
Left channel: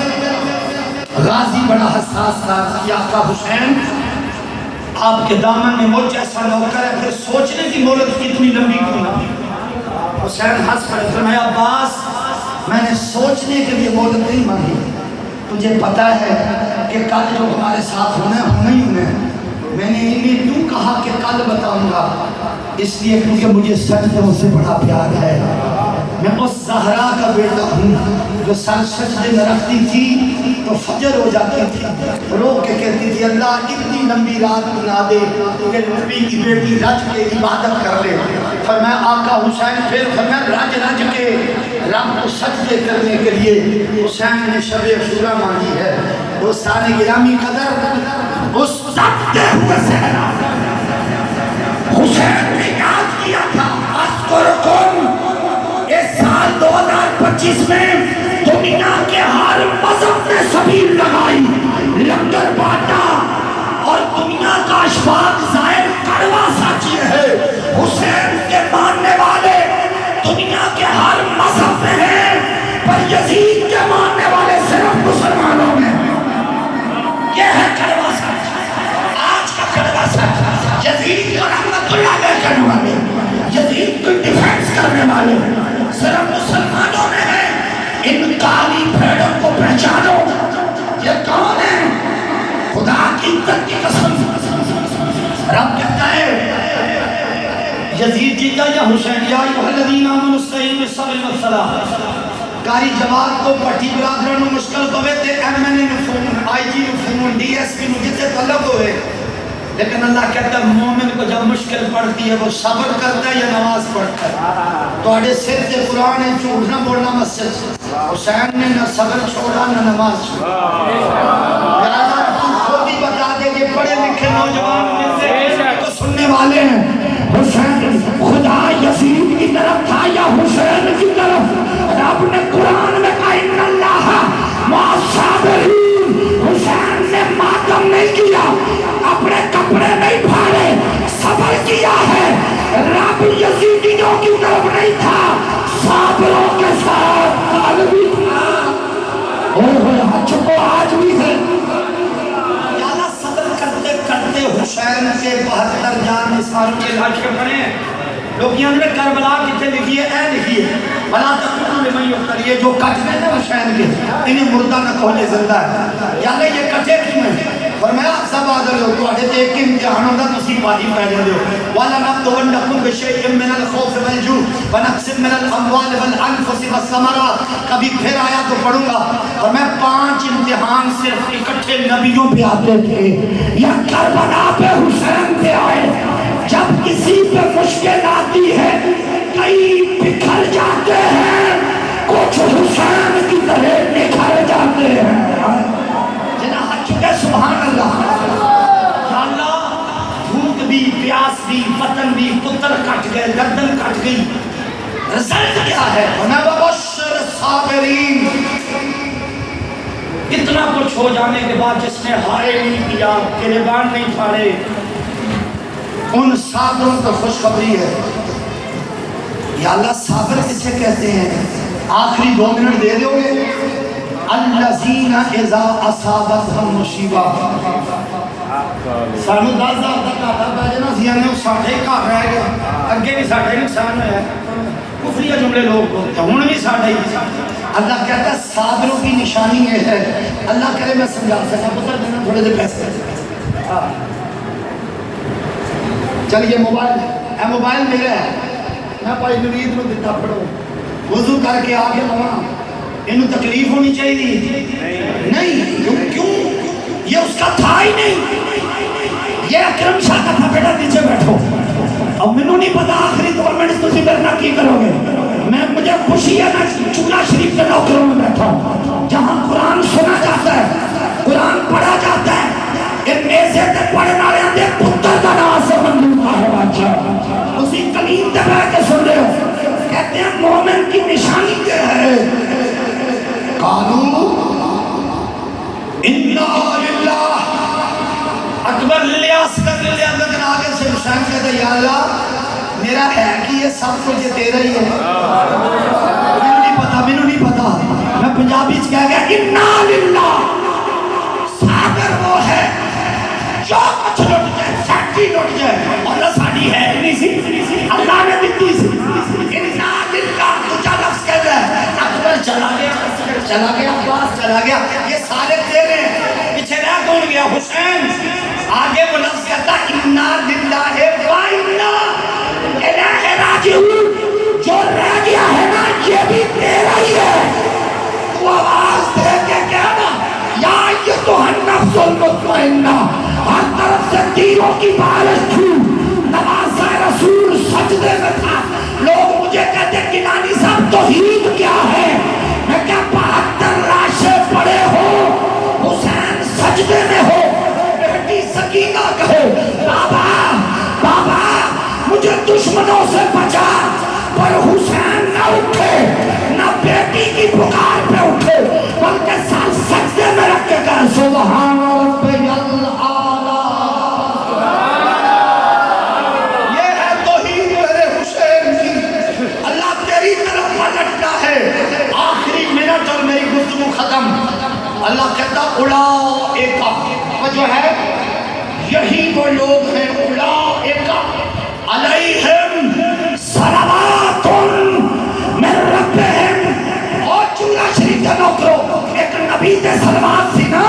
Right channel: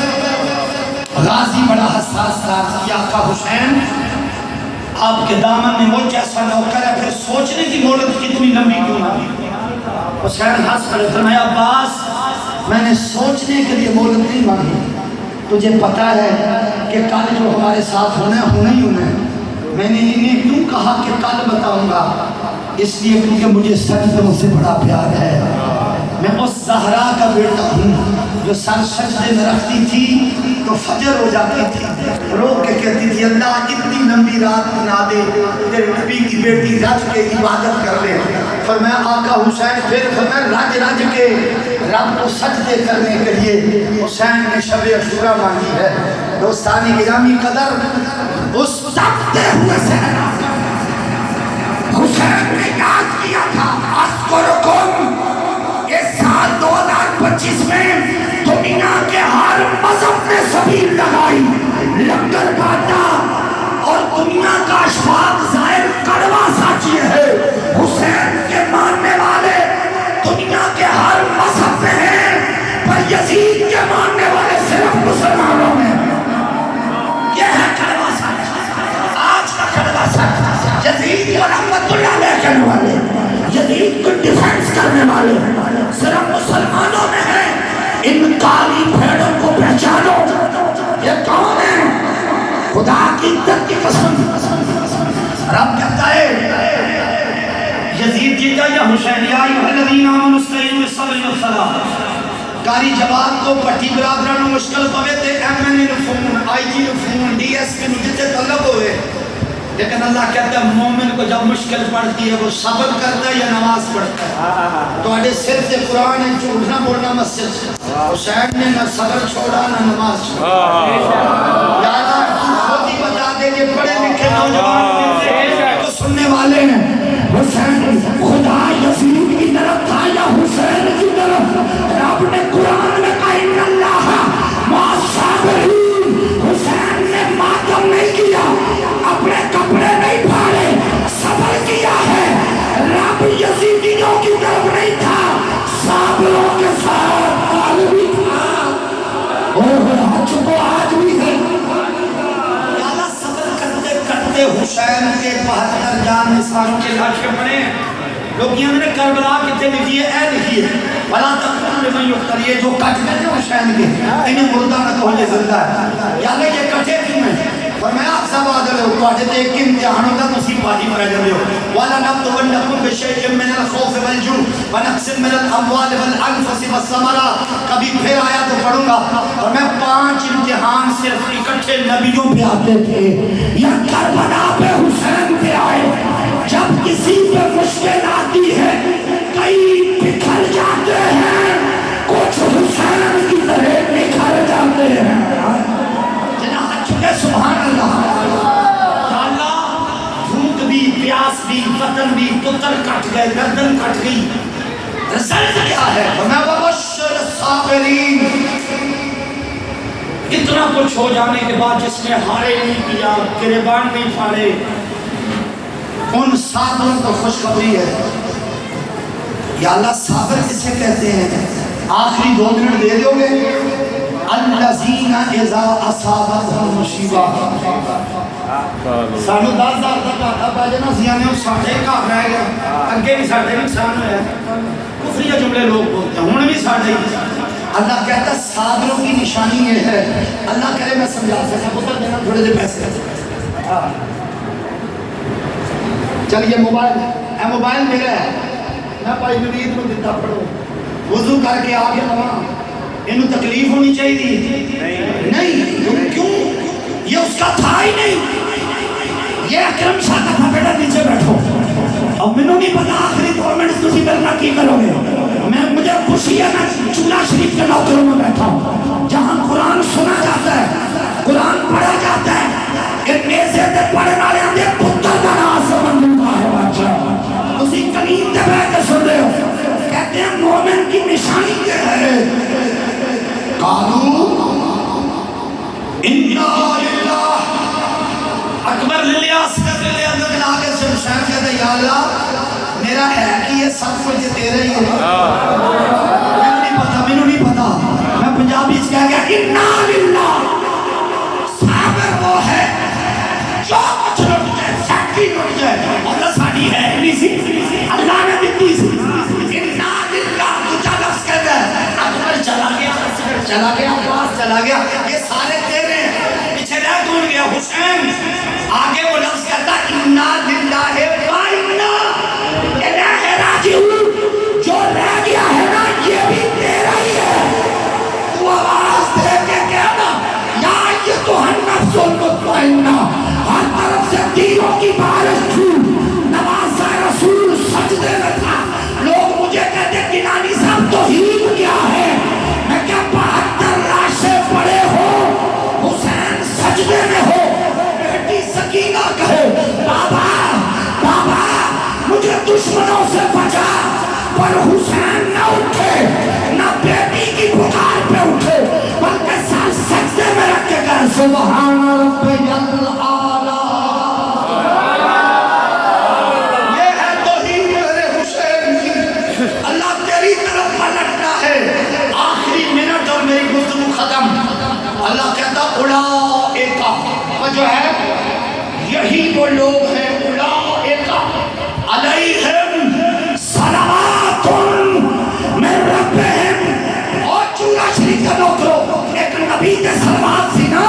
غازی بڑا حساس تھا کہ آقا حسین آپ کے دامن میں مجھ جیسا نوکر ہے، پھر سوچنے کی مہلت کتنی لمبی کیوں نہ؟ حسین ہنس پڑے، فرمایا عباس میں نے سوچنے کے لیے مہلت نہیں مانگی، تجھے پتا ہے کہ کل جو ہمارے ساتھ ہونا ہی ہونا ہے۔ میں نے انہیں کیوں کہا کہ کل بتاؤں گا؟ اس لیے کیونکہ مجھے سجدوں سے بڑا پیار ہے۔ میں اس زہرا کا بیٹا ہوں جو سر سجدے میں رکھتی تھی تو فجر ہو جاتی تھی، رو کے کہتی تھی اللہ اتنی لمبی رات بنا دے کہ نبی کی بیٹی رج کے عبادت کر لے۔ فرمایا آقا حسین، پھر فرمایا رج کے رب کو سجدے کرنے کے لیے حسین نے شب عاشوراء مانگی ہے۔ دوستان گرامی قدر، اس تڑپتے ہوئے صحرا حسین نے یاد کیا تھا اذکرکم۔ اس سال 2025 میں دنیا کے ہر مذہب نے سبیل لگائی، لنگر بانٹا، اور دنیا کا اشفاق ظاہر کڑوا ساچی ہے۔ حسین کے ماننے والے دنیا کے ہر مذہب میں ہیں، پر یزید کے ماننے والے صرف مسلمانوں میں۔ یہ ہے کڑوا سچ، آج کا کڑوا سچ۔ یزید اور رحمت اللہ علیہ کرنے والے، یزید کو ڈیفینس کرنے والے صرف مسلمانوں میں ہیں۔ ان کالی بھیڑوں کو پہچانو، یہ کون ہے؟ خدا کی عزت کی قسم رب کہتا ہے یزید جیتا یا حسین؟ یا ایھا الذین آمنوا استعینوا بالصبر والصلاۃ۔ کاری جواب کو پٹھی برادران مشکل پوے تے ایم این اے نے فون، آئی جی نے فون، ڈی ایس پی نے جتے طلب ہوئے، لیکن اللہ کہتا ہے مومن کو جب مشکل پڑتی ہے وہ صبر کرتا ہے یا نماز پڑھتا ہے؟ تو اڑے سر سے قرآن ہے، جھوٹ نہ بولنا مسجد سے۔ حسین نے نہ صبر چھوڑا نہ نماز چھوڑا۔ لہذا تو خود ہی بتا دے کہ پڑھے لکھے نوجوان کو سننے والے ہیں، حسین خدا یزید کی طرف تھا یا ختم نہیں کیا, اپنے کپڑے نہیں پھاڑے, صبر کیا ہے. رب یزیدیوں کی طرف نہیں تھا, صابروں کے ساتھ کل بھی تھا اور حج کو آج بھی ہے. صبر کرتے کرتے حسین کے 72 جان نثاروں کے لاشیں پڑے. لوگ یہ نے کربلا کتنے لکھی ہے, اے لکھی ہے بلا تقتلوا لمن یقتل, یہ جو کٹ گئے ہیں حسین کے انہیں مردہ نہ کہنے زندہ ہے. یعنی یہ کٹے کیوں ہیں؟ فرمایا سب عادل ہو تو آجے ایک امتحان ہوتا تو اسی پاہی پہلے دے ہو. وَلَنَبْلُوَنَّكُمْ بِشَيْءٍ مِّنَ الْخَوْفِ وَالْجُوعِ وَنَقْصٍ مِّنَ الْأَمْوَالِ وَالْأَنفُسِ وَالثَّمَرَاتِ. کبھی پھر آیا تو پڑھوں گا. اور میں 5 امتحان صرف اکٹھے نبیوں پہ آتے تھے, یا کربلا پہ حسین پہ آئے. جب کسی پہ مشکل آتی ہے کئی بکھر جاتے ہیں, کچھ حسین کی طرح نکھر جاتے ہیں. جناب چکے سبحان اللہ. بھوک بھی, پیاس بھی, وطن بھی, پتر کٹ گئے, گردن کٹ گئی, رزلٹ کیا ہے؟ وَبَشِّرِ الصَّابِرِينَ. اتنا کچھ ہو جانے کے بعد جس نے ہارے نہیں کیا, گریبان نہیں پھاڑے, ان صابروں کو خوشخبری ہے. یا اللہ صابر کسے کہتے ہیں؟ آخری 2 منٹ دے دو گے. الذین اذا اصابتهم مصیبہ. سانو 10,000 کا گھاٹا پہ جانا سیانے ساڑھے گھر رہ گیا, اگے بھی ساڑھے نقصان ہوا ہے, کفریہ جملے لوگ بولتے ہیں, ہن بھی ساڑھے ہی. اللہ کہتا ہے صابروں کی نشانی یہ ہے. اللہ کرے میں سمجھا سکتا, پتہ دینا تھوڑے دے پیسے. چلیے موبائل میرا ہے, میں بھائی نوید کو دیتا, پڑھو. وضو کر کے آگے لگا, انہوں تکلیف ہونی چاہیے نہیں. کیوں؟ یہ اس کا تھا ہی نہیں. یہ اکرم شاہ کا تھا, بیٹا نیچے بیٹھو. اب میں نہیں پتا آخری 2 منٹ تسی میرے کی کرو گے. مجھے خوشی ہے میں چنہ شریف کے نوکروں میں بیٹھا ہوں, جہاں قرآن سنا جاتا ہے, قرآن پڑھا جاتا ہے. یہ میزے تے پڑھنے والے اندے پتر کا نام سے منظور ہے بادشاہ. اسی کلیم تے بیٹھ کے سن رہے ہو. کہتے ہیں مومن کی نشانی کیا ہے؟ قالوا انا للہ اکبر للہ اصغر للہ. لیکن آگے سے حسین کہتا ہے یا اللہ میرا ہے کہ یہ سب کچھ تیرا ہی ہے. مینوں نہیں پتا. میں پنجابی سے کہہ گیا انا للہ. صابر وہ ہے جو کچھ لٹ جائے, فیکٹری لٹ جائے, اور ساڑی ہے نہیں سی, اللہ نے دیتی سی. انا للہ تجھا لفظ کہتا ہے. اکبر چلا گیا, اصغر چلا گیا, عباس چلا گیا, یہ سارے تیرے. پیچھے رہ کون گیا؟ حسین. آگے وہ لفظ کہتا انا للہ و انا الیہ راجعون. جو رہ گیا ہے نا یہ بھی تیرا ہی ہے. تو آواز دے کے کہنا یا ایتھا النفس المطمئنہ. ہر طرف سے تیروں کی بارش تھی. نوازہ رسول سجدے میں تھا. لوگ مجھے کہتے گیلانی صاحب توحید کیا ہے؟ میں کیا 72 لاشیں پڑے ہو, حسین سجدے میں ہو, بیٹی سکینہ کہے بابا بابا مجھے دشمنوں سے بچا, پر حسین نہ اٹھے, نہ بیٹی کی پکار پہ اٹھے, بلکہ سر سجدے میں رکھ کے کہے سبحان ربی الاعلی. یہ ہے توحید میرے حسین کی. اللہ تیری طرف پلٹتا ہے. آخری منٹ اور میری گفتگو ختم. اللہ کہتا اولئک, وہ جو ہے یہی وہ لوگ ہیں, اولئک علیہم صلوات من ربہم. اور چورا شریف کے نوکروں, ایک نبی کے صلوات سی نا,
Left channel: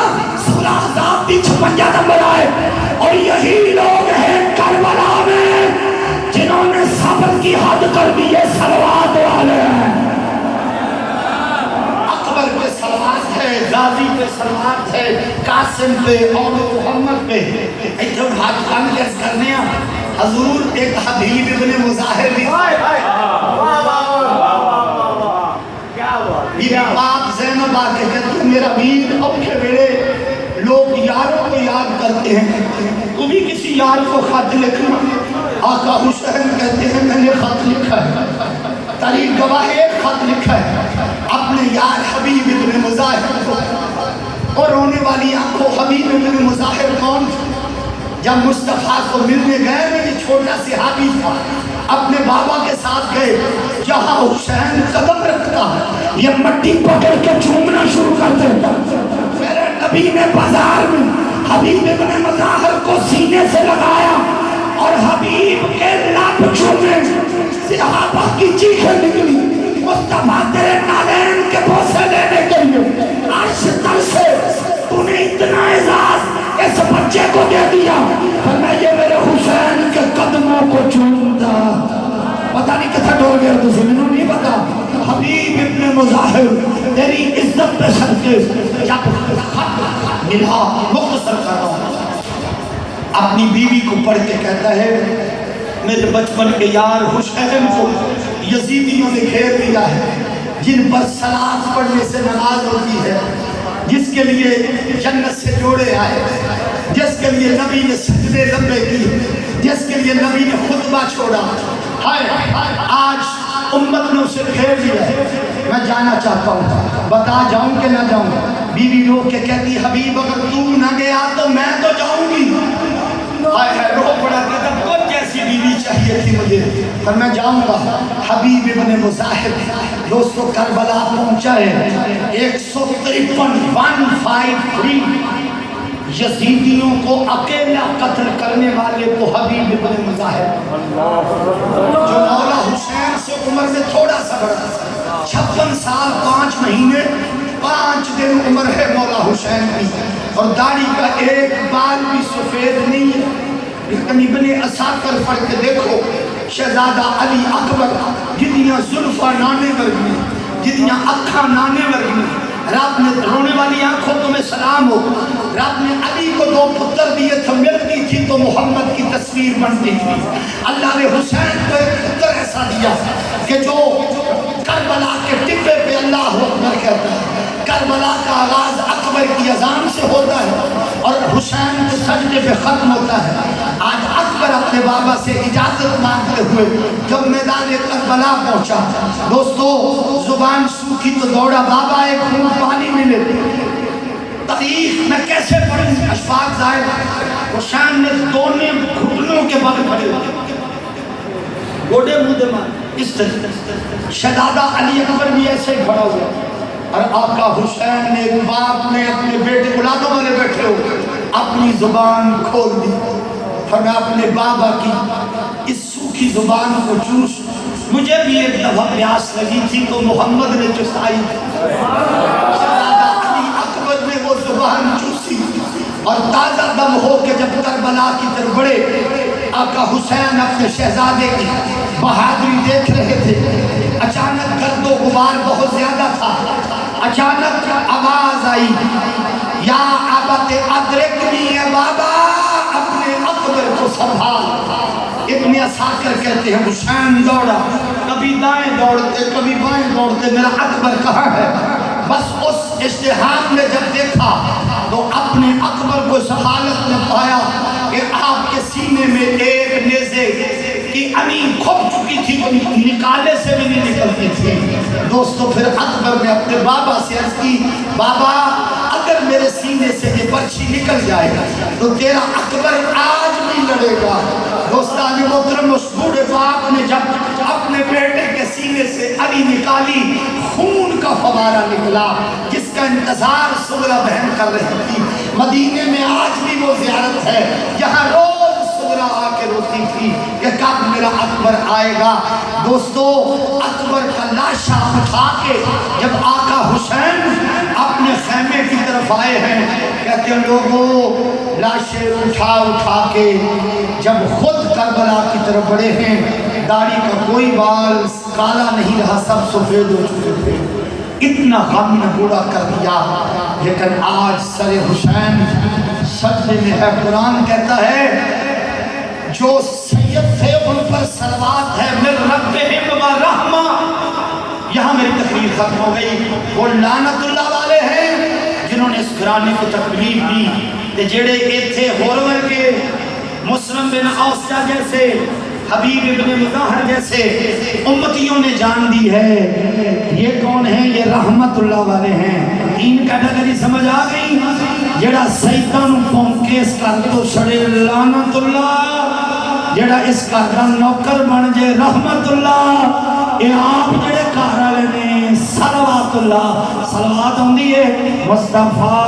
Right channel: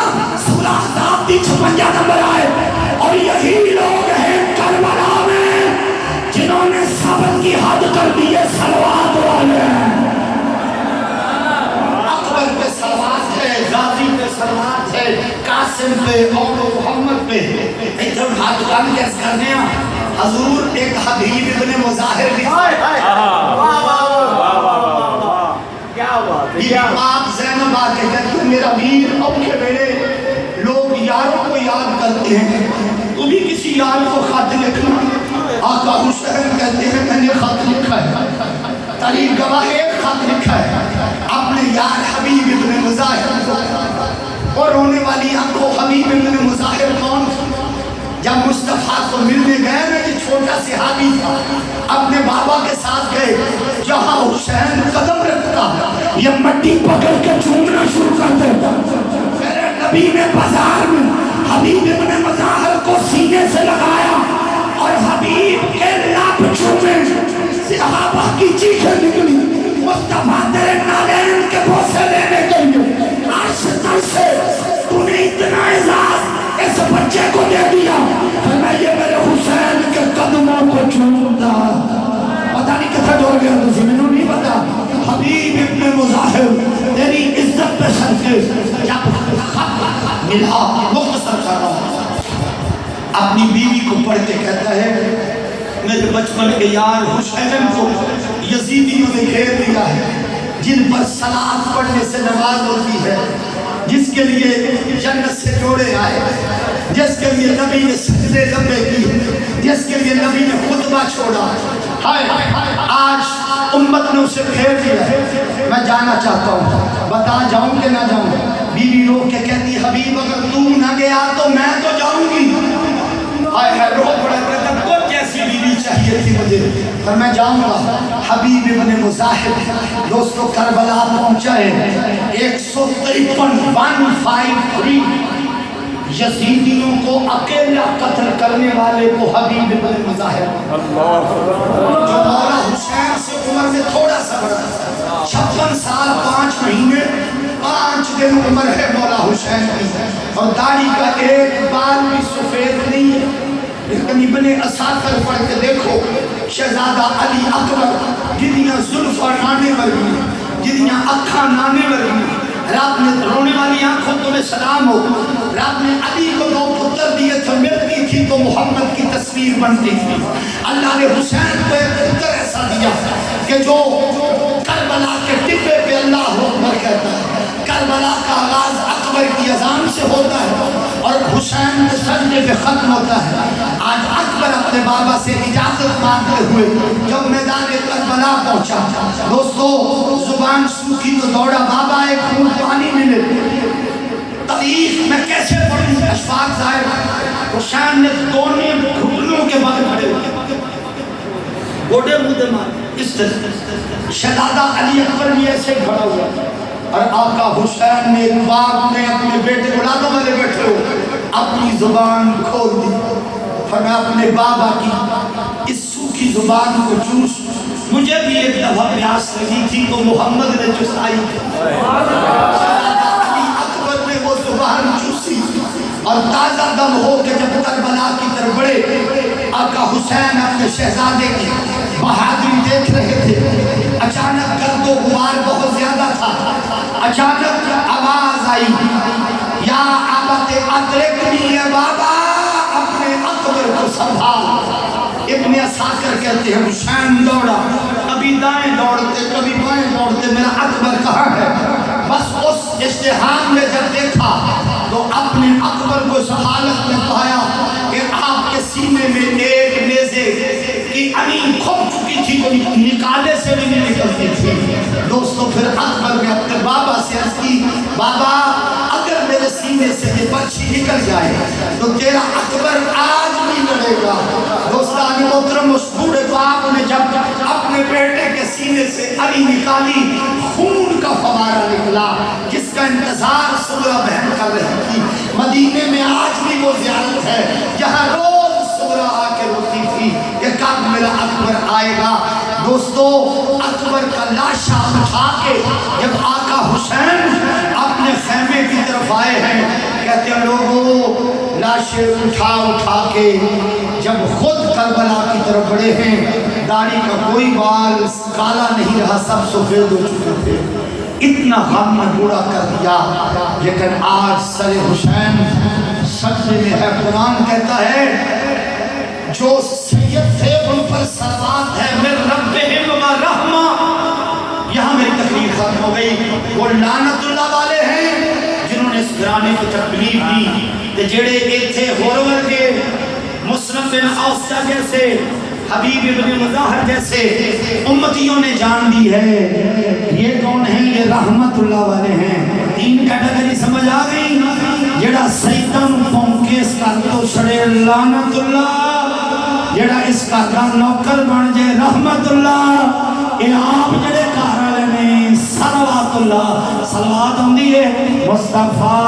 سورہ احزاب کی 56 نمبر آئے. اور یہی لوگ ہیں کربلا میں جنہوں نے صبر کی حد کر دی. صلوات والے ہیں. اکبر پہ صلوات ہے, غازی پہ صلوات ہے, قاسم پہ اور محمد پہ. ادھر ہاتھ کام کیس کرنے ہیں. حضور ایک حبیب ابن مظاہر بھی آپ زینب آ کے کہتے ہیں میرا ویر. اب کے میرے لوگ یاروں کو یاد کرتے ہیں, تو بھی کسی یار کو خط لکھنا. آقا حسین کہتے ہیں میں نے خط لکھا ہے, تاریخ گواہ ایک خط لکھا ہے اپنے یار حبیب ابن مظاہر کو, اور رونے والی آنکھوں حبیب ابن مظاہر جب مصطفیٰ کو ملنے گئے نا، یہ چھوٹا صحابی تھا، اپنے بابا کے ساتھ گئے، جہاں حسین قدم رکھتا یہ مٹی پکڑ کے چومنا شروع کر دیتا۔ میرے نبی نے بازار میں حبیب ابن مظاہر کو سینے سے لگایا اور حبیب کے لب چومے، صحابہ کی چیخیں نکلی، مصطفیٰ تیرے نالین کے بوسے لینے کے لیے عرش تر سے تو نے اتنا اعزاز اس بچے کو دے دیا، فرمایا یہ میرے حسین کے قدموں کو چومتا۔ پتہ نہیں کتھا ڈول گیا تو زمینوں نہیں پتا۔ حبیب ابن مظاہر تیری عزت پہ صدقے جب خط ملا، مختصر کر رہا ہوں، اپنی بیوی کو پڑھ کے کہتا ہے میرے بچپن کے یار حسین کو یزیدیوں نے گھیر لیا ہے، جن پر صلاۃ پڑھنے سے نماز ہوتی ہے، جس کے لیے جنت سے جوڑے آئے، جس کے لیے نبی نے سجدے لمبے کی، جس کے لیے نبی نے خطبہ چھوڑا، آج امت نے اسے گھیر لیا ہے۔ میں جانا چاہتا ہوں، بتا جاؤں کہ نہ جاؤں؟ بیوی رو کے کہتی حبیب اگر تو نہ گیا تو میں تو جاؤں گی۔ رو پڑا کہتا کچھ جیسی بیوی چاہیے تھی مجھے، پر میں جاؤں گا۔ حبیب ابن مظاہر دوستو کربلا پہنچا ہے، 153 یزیدیوں کو اکیلا قتل کرنے والے تو حبیب ابن مظاہر، جو مولا حسین سے عمر میں تھوڑا سا بڑا، 56 سال 5 مہینے 5 دن عمر ہے مولا حسین کی، اور داڑھی کا ایک بال بھی سفید نہیں ہے۔ لیکن ابن اساکر پڑھ کے دیکھو، شہزادہ علی اکبر جدیاں زلفہ نانے ورگی، جدیاں اکھاں نانے ورگی، رب نے رونے والی آنکھوں تمہیں سلام ہو، رب نے علی کو 2 پتر دیے تھے، ملتی تھی تو محمد کی تصویر بنتی تھی۔ اللہ نے حسین کو ایک پتر ایسا دیا کہ جو کربلا کے ٹبے پہ اللہ اکبر کہتا ہے، کربلا کا آغاز اکبر کی اذان سے ہوتا ہے اور حسین کے سجدے پہ ختم ہوتا ہے۔ آج اکبر اپنے بابا سے اجازت مانگتے ہوئے جب میدان کربلا پہنچا، دوستو زبان سوکھی تو دوڑا بابا ایک خون پانی ملے۔ تاریخ میں کیسے پڑھیں؟ اشفاق ظاہر حسین نے دونوں گھٹنوں کے بال کھڑے ہوئے، گوڑے منہ دے مار، اس طرح شہزادہ علی اکبر بھی ایسے ہی کھڑا ہوا، اور آقا حسین نے باپ نے اپنے بیٹے اولادوں والے بیٹھے ہو اپنی زبان کھول دی، فرمایا اپنے بابا کی اس سوکھی زبان کو چوس، مجھے بھی ایک دفعہ پیاس لگی تھی تو محمد نے چسائی، شہزادہ علی اکبر نے وہ زبان چوسی، اور تازہ دم ہو کے جب کربلا کی طرف بڑھے، آقا حسین اپنے شہزادے کی بہادری دیکھ رہے تھے، اچانک گرد و غبار بہت زیادہ تھا، اچانک آواز آئی، یا ابت ادرکنی ہے بابا، اپنے اکبر کو سنبھال۔ ابن اساکر کہتے ہیں حسین دوڑا، کبھی دائیں دوڑتے کبھی بائیں دوڑتے، میرا اکبر کہاں ہے؟ بس اس اشتہار میں جب دیکھا تو اپنے اکبر کو اس حالت میں پایا کہ آپ کے سینے میں ایک نیزے کی امین کھپ چکی تھی، وہ نکالے سے بھی نہیں نکلتی تھی۔ دوستو پھر اکبر نے اپنے بابا سے عرض کی، بابا اگر میرے سینے سے یہ برچھی نکل جائے تو تیرا اکبر آج بھی لڑے گا۔ دوستان محترم، اس بوڑھے باپ نے جب اپنے بیٹے کے سینے سے علی نکالی، خون کا فوارہ نکلا جس کا انتظار صغرا بہن کر رہی تھی۔ مدینے میں آج بھی وہ زیارت ہے جہاں روز صغرا آ کے روتی تھی کہ کب میرا اکبر آئے گا۔ دوستو اکبر کا لاشا اٹھا کے جب آقا حسین اپنے خیمے کی طرف آئے ہیں، کہتے ہیں لوگوں لاشیں اٹھا کے جب خود کربلا کی طرف بڑھے ہیں، داڑھی کا کوئی بال کالا نہیں رہا، سب سفید ہو چکے تھے، اتنا غم نے بوڑھا کر دیا۔ لیکن آج سر حسین سجدے میں ہے، قرآن کہتا ہے جو سید تھے ان پر صلوات ہے من ربہم و رحمہ۔ یہاں میری تقریر ختم ہو گئی۔ وہ لعنت اللہ والے ہیں جنہوں نے اس گھرانے کو تکلیف دی، تے جڑے ایتھے ہور ورگے مسلم بن اوسا جیسے، حبیب ابن مظاہر جیسے امتیوں نے جان دی ہے یہ کون ہیں؟ یہ رحمت اللہ والے ہیں۔ دین کیٹیگری سمجھ آ گئی؟ جڑا سیداں نوں پونکے کے اس گھر تو چھڑے لعنت اللہ، جڑا اس گھر دا نوکر بن جے رحمت اللہ، اے آپ جڑے گھر والے نے صلوات اللہ، صلوات ہوندی ہے مصطفیٰ